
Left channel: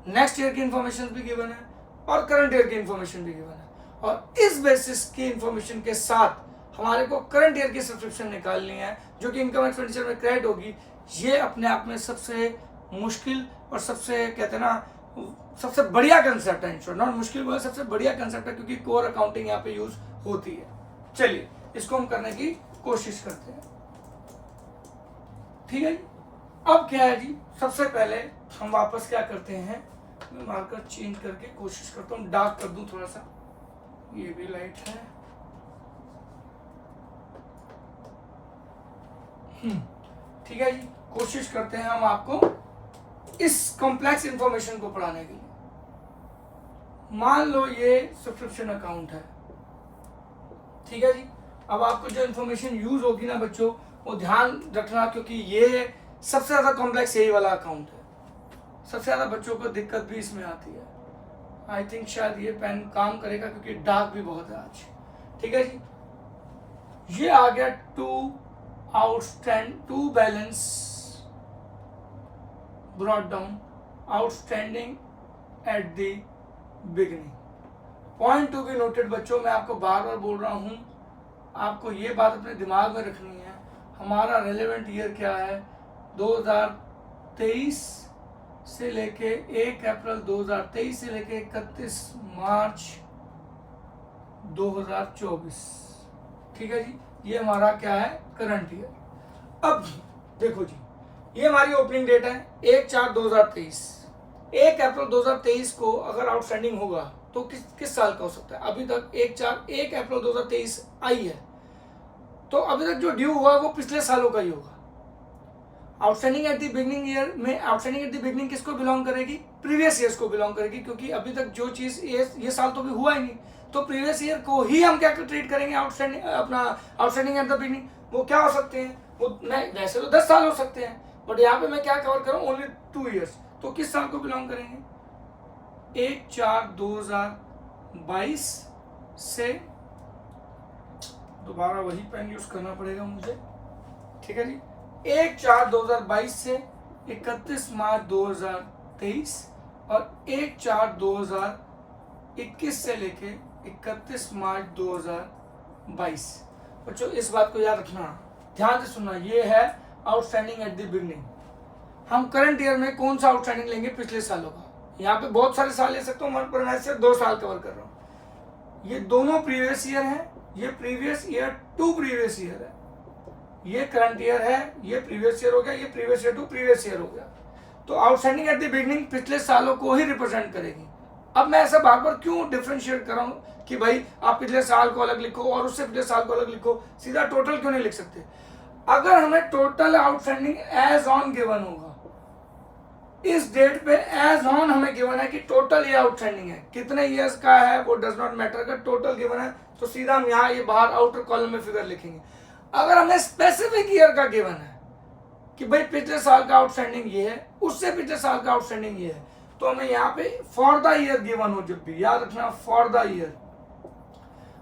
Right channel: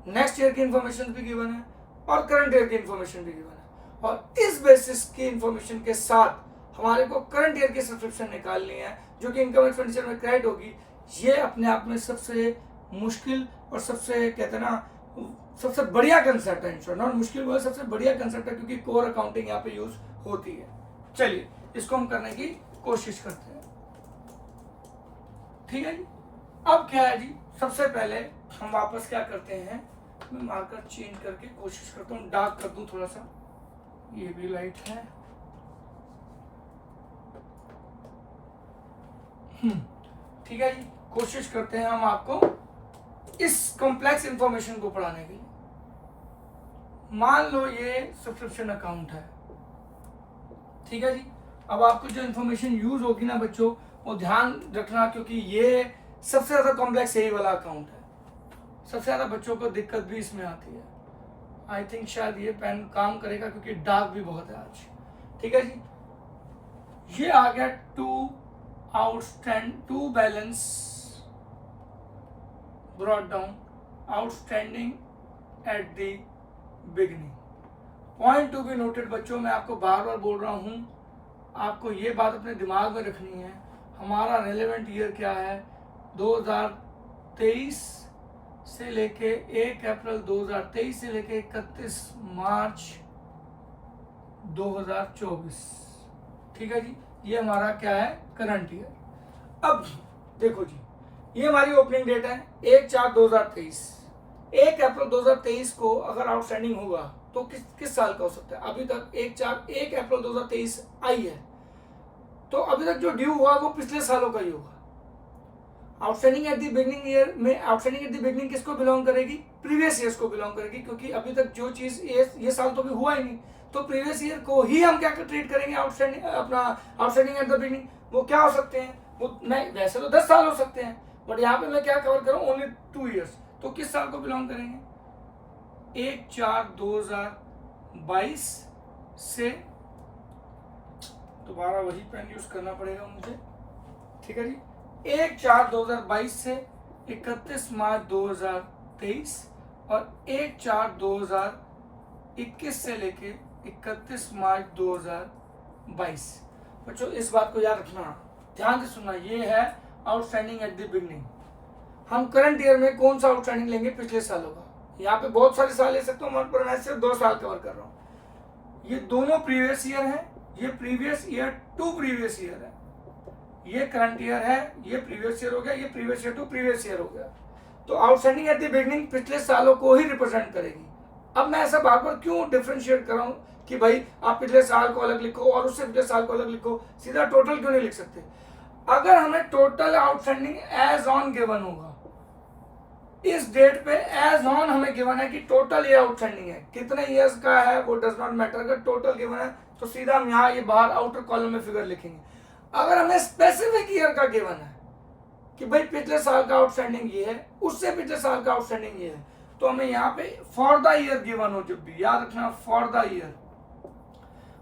नेक्स्ट ईयर की इंफॉर्मेशन भी गिवन है, और करंट ईयर की इंफॉर्मेशन भी गिवन है, और इस बेसिस की इंफॉर्मेशन के साथ हमारे को करंट ईयर की सब्सक्रिप्शन निकालनी है जो कि इनकम एक्सपेंडिचर में क्रेडिट होगी। ये अपने आप में सबसे मुश्किल और सबसे कहते हैं ना सबसे बढ़िया कंसेप्ट है। इंश्योर नॉट मुश्किल बोले, सबसे बढ़िया कंसेप्ट है क्योंकि कोर अकाउंटिंग यहाँ पे यूज होती है। चलिए इसको हम करने की कोशिश करते हैं। ठीक है जी। अब क्या है जी, सबसे पहले हम वापस क्या करते हैं, मैं मार्कर चेंज करके कोशिश करता हूँ डार्क कर दूं थोड़ा सा, ये भी लाइट है। ठीक है जी। कोशिश करते हैं हम आपको इस कॉम्प्लेक्स इंफॉर्मेशन को पढ़ाने के लिए। मान लो ये सब्सक्रिप्शन अकाउंट है, ठीक है जी। अब आपको जो इंफॉर्मेशन यूज होगी ना बच्चों, वो ध्यान रखना क्योंकि ये सबसे ज्यादा कॉम्प्लेक्स यही वाला अकाउंट है। सबसे ज्यादा बच्चों को दिक्कत भी इसमें आती है। आई थिंक शायद ये पेन काम करेगा क्योंकि डार्क भी बहुत है आज। ठीक है जी। ये आ गया to balance brought down outstanding at the beginning. Point to be noted बच्चों, मैं आपको बार बार बोल रहा हूं, आपको ये बात अपने दिमाग में रखनी है। हमारा रेलेवेंट ईयर क्या है, 2023 से लेके 1 अप्रैल 2023 से लेके 31 मार्च 2024। ठीक है जी। ये हमारा क्या है करंट ईयर। अब देखो जी, ये हमारी ओपनिंग डेट है 1/4/2023। 1 अप्रैल 2023 को अगर आउटस्टैंडिंग होगा तो किस साल का हो सकता है। अभी तक 1 अप्रैल 2023 आई है, तो अभी तक जो ड्यू हुआ वो पिछले सालों का ही होगा। Outstanding at the beginning year में आउटस्टैंडिंग एट द बिगनिंग किसको बिलोंग करेगी, प्रीवियस ईयर्स को बिलोंग करेगी, क्योंकि अभी तक जो चीज ये साल तो भी हुआ ही नहीं, तो प्रीवियस ईयर को ही हम क्या ट्रीट करेंगे आउटस्टैंडिंग, अपना आउटस्टैंडिंग एट द बिगनिंग। वो क्या हो सकते हैं, वो मैं वैसे तो 10 साल हो सकते हैं, बट यहाँ पे मैं क्या कवर करूँ ओनली 2 ईयर्स। तो किस साल को बिलोंग करेंगे, 1/4/2022 से, दोबारा वही पेन यूज करना पड़ेगा मुझे। ठीक है जी। 1/4/2022 से 31 मार्च 2023 और 1/4/2021 से लेके 31 मार्च 2022। बच्चों इस बात को याद रखना, ध्यान से सुनना, ये है आउटस्टैंडिंग एट द बिगनिंग। हम करंट ईयर में कौन सा आउटस्टैंडिंग लेंगे, पिछले सालों का। यहाँ पे बहुत सारे साल ले सकता हूँ, पर मैं सिर्फ 2 साल कवर कर रहा हूँ। ये दोनों प्रीवियस ईयर है, ये previous year to previous year है, ये करंट ईयर है, ये प्रीवियस ईयर हो गया, ये previous year to previous year हो गया। तो आउटस्टैंडिंग एट द बिगनिंग पिछले सालों को ही रिप्रेजेंट करेगी। अब मैं ऐसा बार बार क्यों डिफरेंशिएट कर रहा हूँ कि भाई आप पिछले साल को अलग लिखो और उससे पिछले साल को अलग लिखो, सीधा टोटल क्यों नहीं लिख सकते। अगर हमें total outstanding as on given होगा, इस डेट पे एज ऑन हमें गिवन है कि टोटल ये आउटस्टैंडिंग है, कितने ईयर्स का है वो डज नॉट मैटर, अगर टोटल गिवन है तो सीधा हम यहाँ ये बाहर आउटर कॉलम में फिगर लिखेंगे। अगर हमें स्पेसिफिक ईयर का गिवन है कि भाई पिछले साल का आउटस्टैंडिंग ये है, उससे पिछले साल का आउटस्टैंडिंग ये है, तो हमें यहाँ पे फॉर द ईयर गिवन हो, जब भी याद रखना फॉर द ईयर,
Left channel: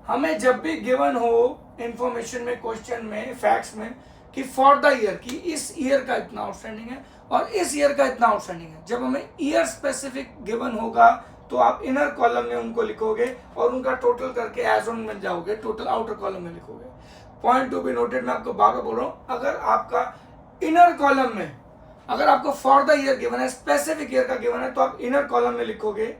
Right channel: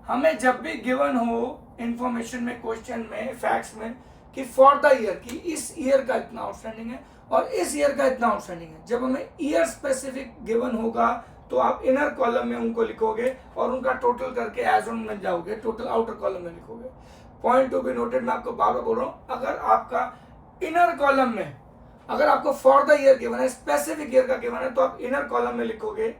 हमें जब भी गिवन हो इंफॉर्मेशन में, क्वेश्चन में, फैक्ट्स में कि फॉर द ईयर, कि इस ईयर का इतना आउटस्टैंडिंग है और इस ईयर का इतना आउटस्टैंडिंग है, जब हमें ईयर स्पेसिफिक गिवन होगा तो आप इनर कॉलम में उनको लिखोगे और उनका टोटल करके एज ऑन में जाओगे, टोटल आउटर कॉलम में लिखोगे। पॉइंट टू बी नोटेड, मैं आपको बार बार बोल रहा हूँ, अगर आपका इनर कॉलम में, अगर आपको फॉर द ईयर गिवन है, स्पेसिफिक ईयर का गिवन है, तो आप इनर कॉलम में लिखोगे,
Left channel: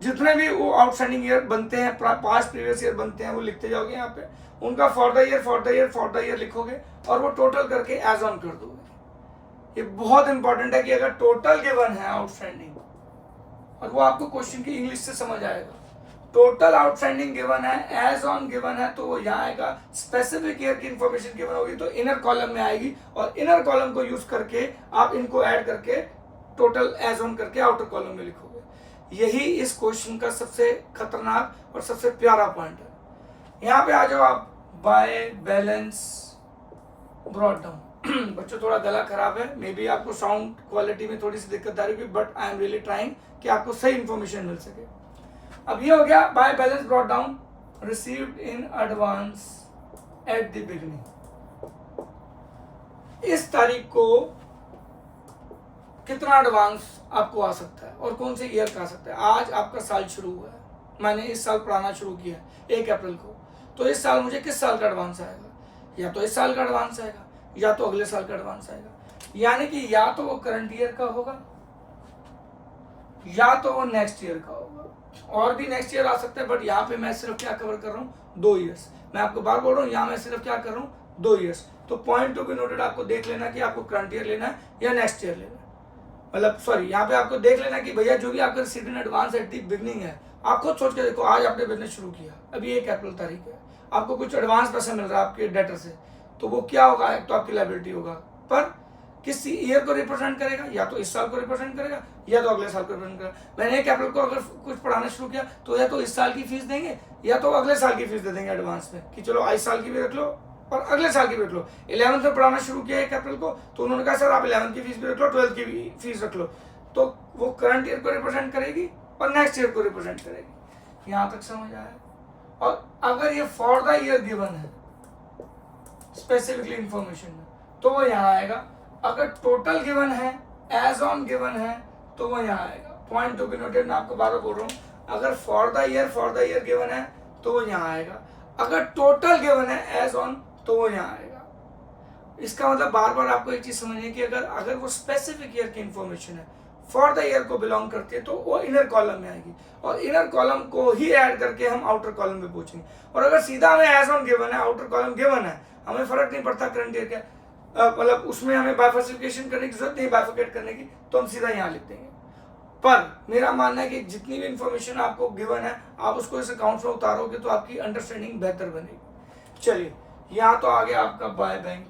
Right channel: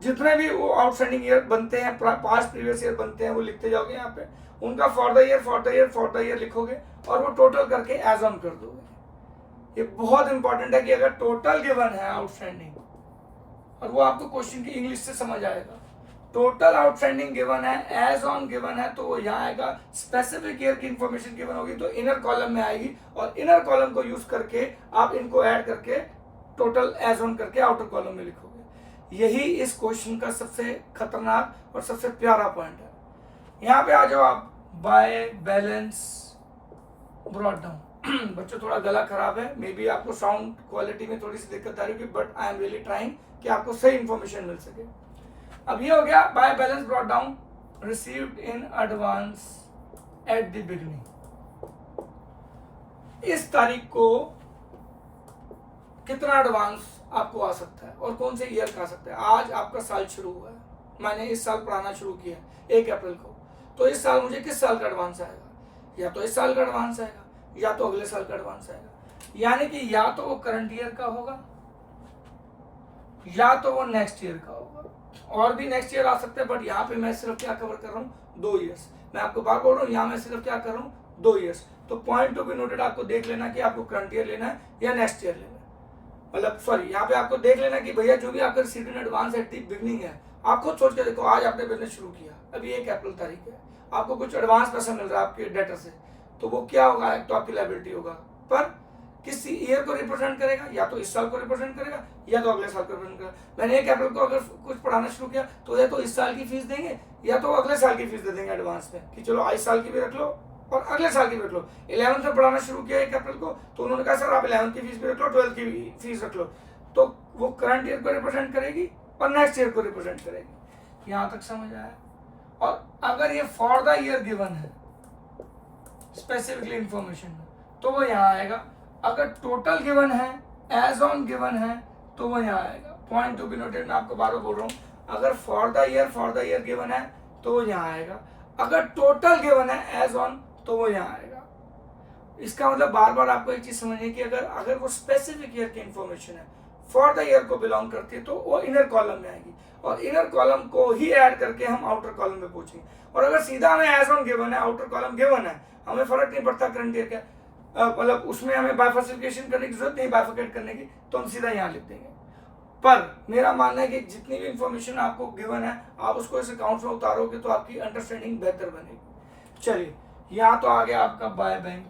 जितने भी वो आउटस्टैंडिंग ईयर बनते हैं, 5 प्रीवियस ईयर बनते हैं, वो लिखते जाओगे यहाँ पे, उनका फॉर द ईयर लिखोगे और वो टोटल करके एज ऑन कर दोगे। ये बहुत इंपॉर्टेंट है कि अगर टोटल गिवन है आउटस्टैंडिंग, और वो आपको क्वेश्चन की इंग्लिश से समझ आएगा, टोटल आउटस्टैंडिंग गिवन है, एज ऑन गिवन है, तो वो यहाँ आएगा। स्पेसिफिक ईयर की इंफॉर्मेशन गिवन होगी तो इनर कॉलम में आएगी, और इनर कॉलम को यूज करके आप इनको ऐड करके टोटल एज ऑन करके आउटर कॉलम में लिखोगे। यही इस क्वेश्चन का सबसे खतरनाक और सबसे प्यारा पॉइंट है। यहाँ पे आ जाओ आप, बाय बैलेंस ब्रॉट डाउन। बच्चों थोड़ा गला खराब है, मे बी आपको साउंड क्वालिटी में थोड़ी सी दिक्कत आ रही होगी, but I am really trying कि आपको सही इंफॉर्मेशन मिल सके। अब ये हो गया by balance brought down received in advance at the beginning. इस तारीख को कितना एडवांस आपको आ सकता है और कौन से ईयर का आ सकता है। आज आपका साल शुरू हुआ है, मैंने इस साल पढ़ाना शुरू किया 1 अप्रैल को, तो इस साल मुझे किस साल का एडवांस आएगा? या तो इस साल का एडवांस आएगा या तो अगले साल का एडवांस आएगा। यानी कि या तो वो करंट ईयर का होगा या तो वो नेक्स्ट ईयर का होगा, और भी नेक्स्ट ईयर आ सकते हैं, बट यहाँ पे मैं सिर्फ क्या कवर कर रहा हूँ, 2 ईयर्स। मैं आपको बार बोल रहा हूँ, यहाँ मैं सिर्फ क्या कर रहा हूँ, 2 ईयर्स। तो पॉइंट टू बी नोटेड, आपको देख लेना कि आपको करंट ईयर लेना है या नेक्स्ट ईयर लेना है। मतलब सॉरी, यहाँ पे आपको देख लेना कि भैया जो भी आपका received in advance at the beginning है, आप खुद सोच के देखो, आज आपने बिजनेस शुरू किया, अभी 1 अप्रैल तारीख है, आपको कुछ एडवांस पैसा मिल रहा है आपके डेटर से, तो वो क्या होगा, एक तो आपकी लायबिलिटी होगा, पर किस ईयर को रिप्रेजेंट करेगा, या तो इस साल को रिप्रेजेंट करेगा या तो अगले साल को रिप्रेजेंट करेगा। मैंने 1 अप्रैल को अगर कुछ पढ़ाना शुरू किया तो या तो इस साल की फीस देंगे या तो अगले साल की फीस दे देंगे एडवांस में, कि चलो इस साल की भी रख लो और अगले साल की भी रख लो। 11th में पढ़ाना शुरू किया 1 अप्रैल को, तो उन्होंने कहा सर आप 11th की फीस भी रख लो, 12th की भी फीस रख लो, तो वो करंट ईयर को रिप्रेजेंट करेगी और नेक्स्ट ईयर को रिप्रेजेंट करेगी। यहां तक समझ आया? और अगर ये फॉर द ईयर गिवन है स्पेसिफिकली इंफॉर्मेशन में, तो वो यहाँ आएगा। अगर टोटल गिवन है, एज ऑन गिवन है, तो वो यहाँ आएगा। पॉइंट टू बी नोटेड, मैं आपको बार बार बोल रहा हूँ, अगर फॉर द ईयर गिवन है तो वो यहाँ आएगा, अगर टोटल गिवन है एज ऑन तो वो यहाँ आएगा। इसका मतलब बार बार आपको एक चीज समझनी है कि अगर वो स्पेसिफिक ईयर की इंफॉर्मेशन है, फॉर द ईयर को बिलोंग करती है, तो वो इनर कॉलम में आएगी, और इनर कॉलम को ही ऐड करके हम आउटर कॉलम में पहुंचेंगे। और अगर सीधा हमें एज ऑन गिवन है, आउटर कॉलम गिवन है, हमें फर्क नहीं पड़ता करंट ईयर का, मतलब उसमें हमें बाइफर्सिफिकेशन करने की जरूरत नहीं, बाइफर्केट करने की, तो हम सीधा यहाँ लिख देंगे। पर मेरा मानना है कि जितनी भी इंफॉर्मेशन आपको गिवन है, आप उसको इस अकाउंट में उतारोगे तो आपकी अंडरस्टैंडिंग बेहतर बनेगी। चलिए, यहाँ तो आ गया आपका बाय बैंक,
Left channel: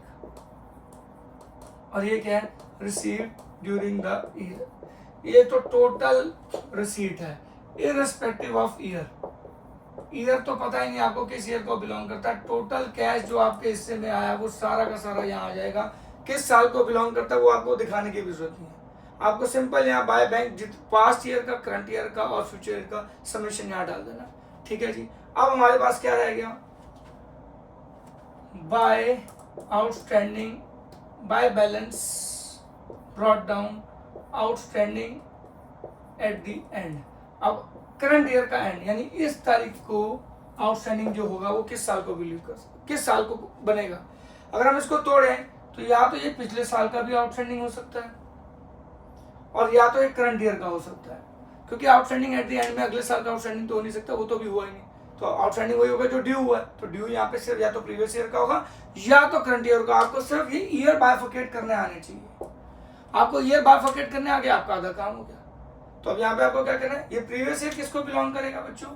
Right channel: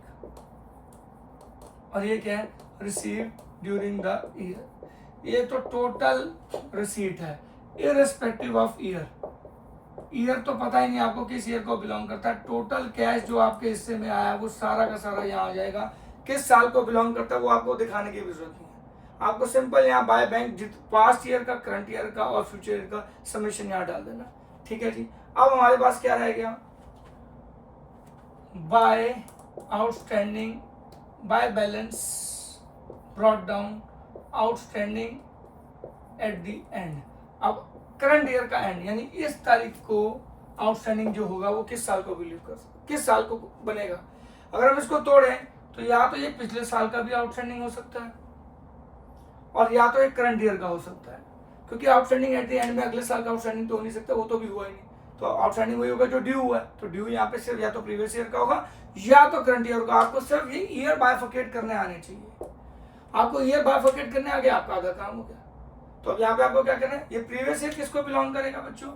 और ये क्या है, रिसीव ड्यूरिंग द ईयर। ये तो टोटल रिसीट है इररिस्पेक्टिव ऑफ ईयर। ईयर तो पता ही नहीं आपको किस ईयर को बिलोंग करता है, टोटल कैश जो आपके हिस्से में आया वो सारा का सारा यहाँ आ जाएगा। किस साल को बिलोंग करता है वो आपको दिखाने की भी जरूरत नहीं है, आपको सिंपल यहाँ बाय बैंक पास्ट ईयर का, करंट ईयर का और फ्यूचर ईयर का समेशन यहाँ डाल देना। ठीक है जी। अब हमारे पास क्या रह गया, by outstanding, by balance brought down outstanding at the end. अब करंट ईयर का एंड, यानी इस तारीख को आउटस्टैंडिंग जो होगा वो किस साल को बिलीव कर सकते, किस साल को बनेगा। अगर हम इसको तोड़ें तो या तो ये पिछले साल का भी आउटस्टैंडिंग हो सकता है और या तो एक करंट ईयर का हो सकता है, क्योंकि आउटस्टैंडिंग एट द एंड में अगले साल का आउटस्टैंडिंग तो हो नहीं सकता, वो तो भी हुआ ही नहीं। तो आउटस्टैंडिंग वही होगा जो ड्यू हुआ है, तो ड्यू यहाँ पे सिर्फ या तो प्रीवियस ईयर का होगा या तो करंट ईयर का। आपको सिर्फ ये ईयर बाइफर्केट करने आने चाहिए, आपको ईयर बाइफर्केट करने आ गया, आपका आधा काम हो गया। तो अब यहाँ पे आपको क्या करना है, ये प्रीवियस ईयर किसको बिलोंग करेगा बच्चों,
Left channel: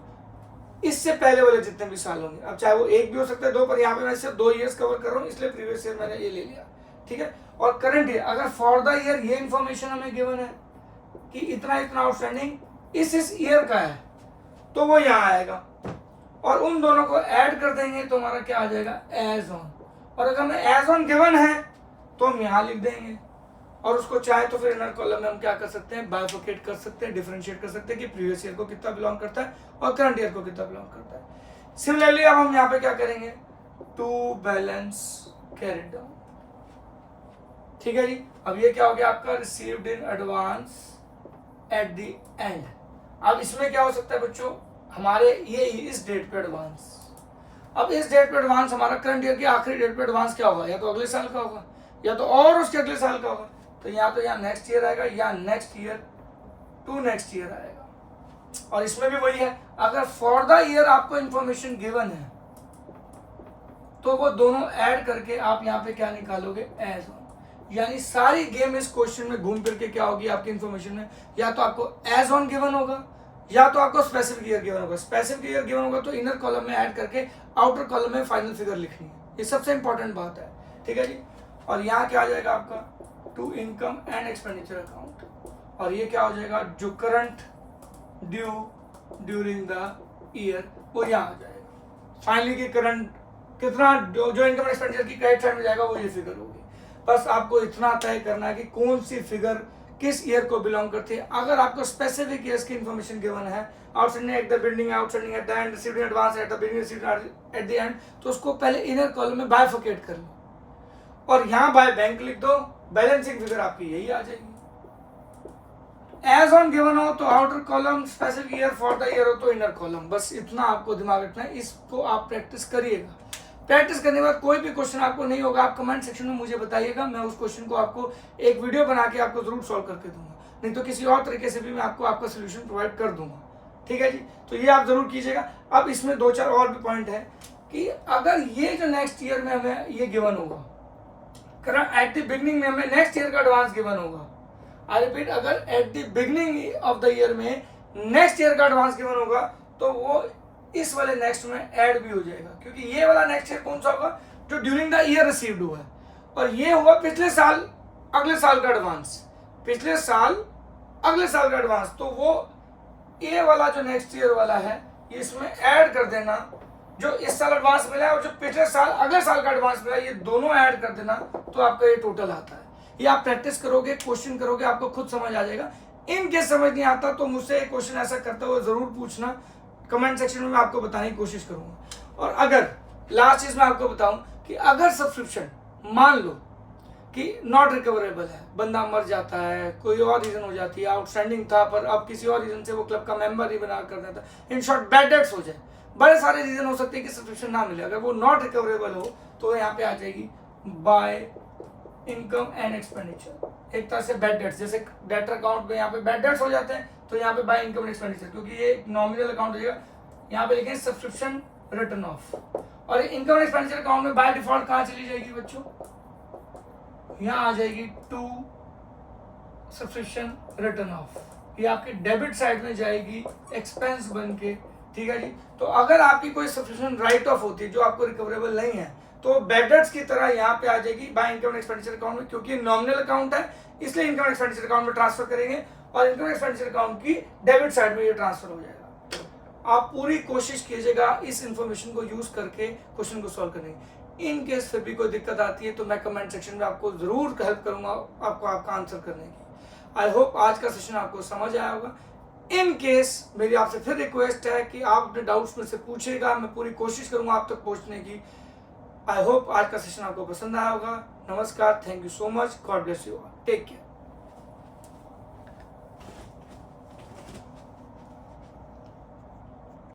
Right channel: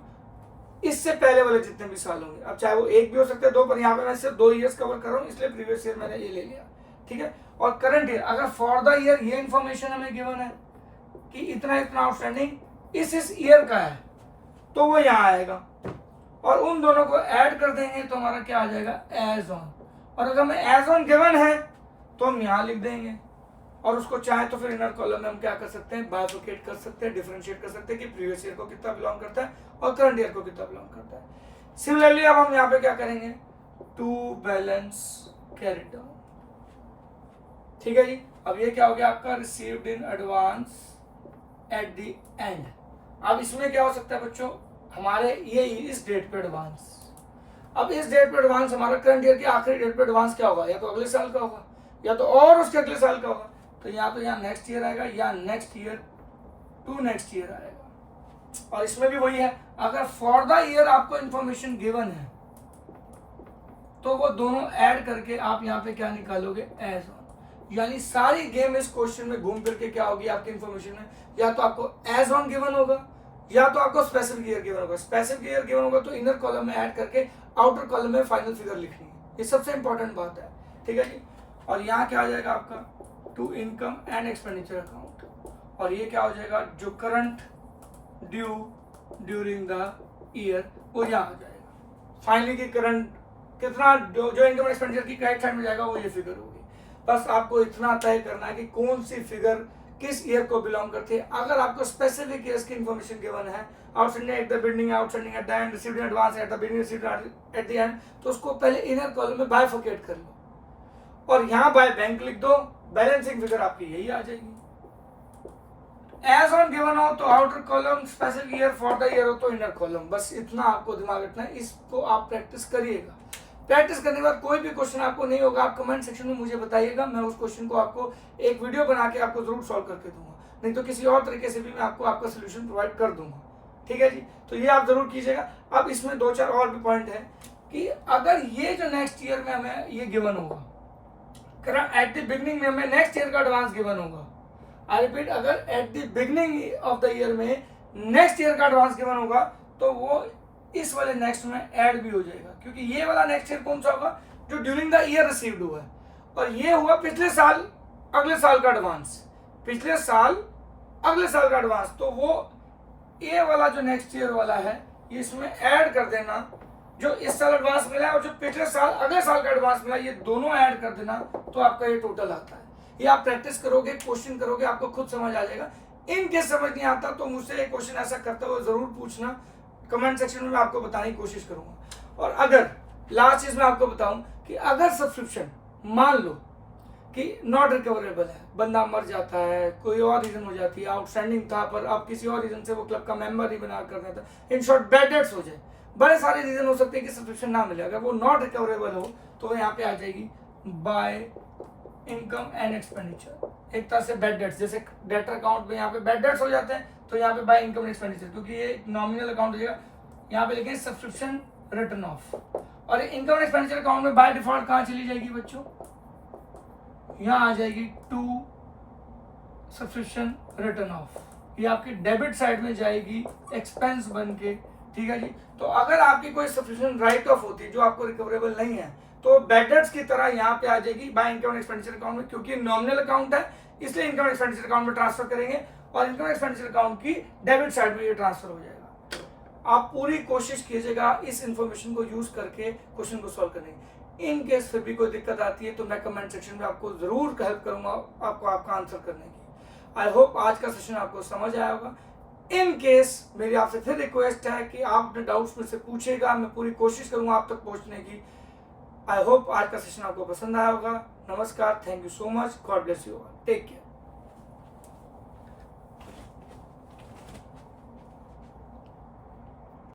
इससे पहले वाले जितने भी साल होंगे। अब चाहे वो 1 भी हो सकते हैं 2, पर यहाँ पे मैं सिर्फ 2 ईयर्स कवर कर रहा हूँ, इसलिए प्रीवियस ईयर मैंने ये ले लिया। ठीक है। और करंट ईयर, अगर फॉर द ईयर ये इंफॉर्मेशन हमें गिवन है कि इतना इतना आउटस्टैंडिंग इस ईयर का है, तो वो यहाँ आएगा, और उन दोनों को ऐड कर देंगे तो हमारा क्या आ जाएगा, एज ऑन। और अगर हमें एज ऑन गिवन है तो हम यहाँ लिख देंगे, और उसको चाहे तो फिर इनर कॉलम में हम क्या कर सकते हैं, बाइफर्केट कर सकते हैं, डिफरेंशिएट कर सकते हैं कि प्रीवियस ईयर को कितना बिलोंग करता है और करंट ईयर को कितना बिलोंग करता है। सिमिलरली अब हम यहाँ पे क्या करेंगे, टू बैलेंस कैरिड डाउन। ठीक है जी। अब ये क्या हो गया आपका, received in advance at the end. अब इसमें क्या हो सकता है बच्चों, हमारे ये इस डेट पे एडवांस, अब इस डेट पे एडवांस हमारा करंट ईयर की आखिरी डेट पे एडवांस क्या होगा, या तो अगले साल का होगा या तो और उसके अगले साल का होगा। तो यहाँ नेक्स्ट ईयर आएगा या next year to next year आएगा। और इसमें भी वही है, अगर फॉर द ईयर आपको इंफॉर्मेशन गिवन है तो वो दोनों ऐड करके आप यहाँ पे क्या निकालोगे, एज ऑन। यानी सारी गेम इस क्वेश्चन में घूम फिर के क्या होगी आपकी इन्फॉर्मेशन में, या तो आपको एज ऑन गिवन होगा या तो आपको स्पेसिफिक ईयर गिवन होगा। स्पेसिफिक ईयर गिवन होगा तो इनर कॉलम में ऐड करके आउटर कॉलम में फाइनल फिगर लिखनी है, ये सबसे इंपॉर्टेंट बात है, ठीक है जी। और यहाँ क्या आ जाएगा आपका to income and expenditure account, और ये क्या हो जाएगा जो current due during the year वो यहाँ आ जाएगा। फाइनली की करंट कितना जो इनकम एक्सपेंडिचर की क्रेडिट साइड में जाएगा वो ये फिगर होगी। बस आपको इतना तय करना है कि कौन सी फिगर किस ईयर को बिलोंग करती है। अगर आपको स्पेसिफिक ईयर्स की इन्फॉर्मेशन गिवन है, outstanding at the beginning, outstanding at the and, received in advance at the beginning, received eight the and, तो उसको पहले इनर कॉलम में बाइफरकेट कर लो और यहाँ बाय बैंक लिख दो, बैलेंसिंग फिगर आपकी यही आ जाएगी। एज ऑन गिवन हो तो outer column, specific year for the year हो तो इनर कॉलम, बस इतना आपको दिमाग रखना है। इसको आप प्रैक्टिस करिएगा। प्रैक्टिस करने के बाद कोई भी क्वेश्चन आपको नहीं होगा आप कमेंट सेक्शन में मुझे बताइएगा, मैं उस क्वेश्चन को आपको एक वीडियो बना के आपको जरूर सॉल्व करके दूंगा, नहीं तो किसी और तरीके से भी मैं आपको आपका सोल्यूशन प्रोवाइड कर दूंगा, ठीक है जी। तो ये आप जरूर कीजिएगा। अब इसमें 2-4 और भी पॉइंट है कि अगर ये जो नेक्स्ट ईयर में हमें ये गिवन होगा, एट द बिगनिंग में हमें नेक्स्ट ईयर का एडवांस गिवन होगा, आई रिपीट, अगर eight the beginning of the year में नेक्स्ट ईयर का एडवांस गिवन होगा तो वो इस वाले नेक्स्ट में ऐड भी हो जाएगा, क्योंकि ये वाला नेक्स्ट ईयर कौन सा होगा जो ड्यूरिंग द ईयर रिसीव्ड हुआ है, और ये हुआ पिछले साल अगले साल का एडवांस, पिछले साल अगले साल का एडवांस, तो वो ये वाला जो नेक्स्ट ईयर वाला है इसमें ऐड कर देना, जो इस साल एडवांस मिला है और जो पिछले साल अगले साल का एडवांस मिला है, ये दोनों ऐड कर देना, तो आपका ये टोटल आता है। ये आप प्रैक्टिस करोगे, क्वेश्चन करोगे, आपको खुद समझ आ जाएगा। इन केस समझ नहीं आता तो मुझसे एक क्वेश्चन ऐसा करते हुए जरूर पूछना, कमेंट सेक्शन में मैं आपको बताने की कोशिश करूंगा। और अगर लास्ट चीज मैं आपको बताऊं कि अगर सब्सक्रिप्शन मान लो कि नॉट रिकवरेबल है, बंदा मर जाता है, कोई और रीजन हो जाती है, आउटस्टैंडिंग था पर अब किसी और रीजन से वो क्लब का मेंबर ही बना कर देता, इन शॉर्ट बैड डेट्स हो जाए, बड़े सारे रीजन हो सकते हैं कि सब्सक्रिप्शन ना मिले, अगर वो नॉट रिकवरेबल हो तो यहाँ पे आ जाएगी बाय इनकम एंड एक्सपेंडिचर, एक तरह से बैड डेट्स, जैसे डेटर अकाउंट में यहाँ पे बैड डेट्स हो जाते हैं तो यहाँ पे बाय इनकम एंड एक्सपेंडिचर, क्योंकि ये नॉमिनल अकाउंट हो जाएगा, यहाँ पे लिखें सब्सक्रिप्शन रिटर्न ऑफ, और इनकम एंड एक्सपेंडिचर अकाउंट में बाय डिफॉल्ट कहाँ चली जाएगी बच्चों, यहाँ आ जाएगी टू सब्सक्रिप्शन रिटर्न ऑफ, ये आपकी डेबिट साइड में जाएगी एक्सपेंस बन के, ठीक है जी। तो अगर आपकी कोई सब्सक्रिप्शन राइट ऑफ होती है जो आपको रिकवरेबल नहीं है तो बैड डेट्स की तरह यहाँ पे आ जाएगी by income and expenditure account में, क्योंकि नॉमिनल अकाउंट है इसलिए इनकम एक्सपेंडिचर अकाउंट में ट्रांसफर करेंगे और इनकम एक्सपेंडिचर अकाउंट की डेबिट साइड में ये ट्रांसफर हो जाएगा। आप पूरी कोशिश कीजिएगा इस इंफॉर्मेशन को यूज करके क्वेश्चन को सॉल्व करने की। इन केस फिर भी कोई दिक्कत आती है तो मैं कमेंट सेक्शन में आपको जरूर हेल्प करूंगा आपको आपका आंसर करने की। आई होप आज का सेशन आपको समझ आया होगा। इन केस मेरी आपसे फिर रिक्वेस्ट है कि आप अपने डाउट्स में से पूछेगा, मैं पूरी कोशिश करूंगा आप तक पहुंचने की। आई होप आज का सेशन आपको पसंद आया होगा। नमस्कार, thank you so much, God bless you all, take care.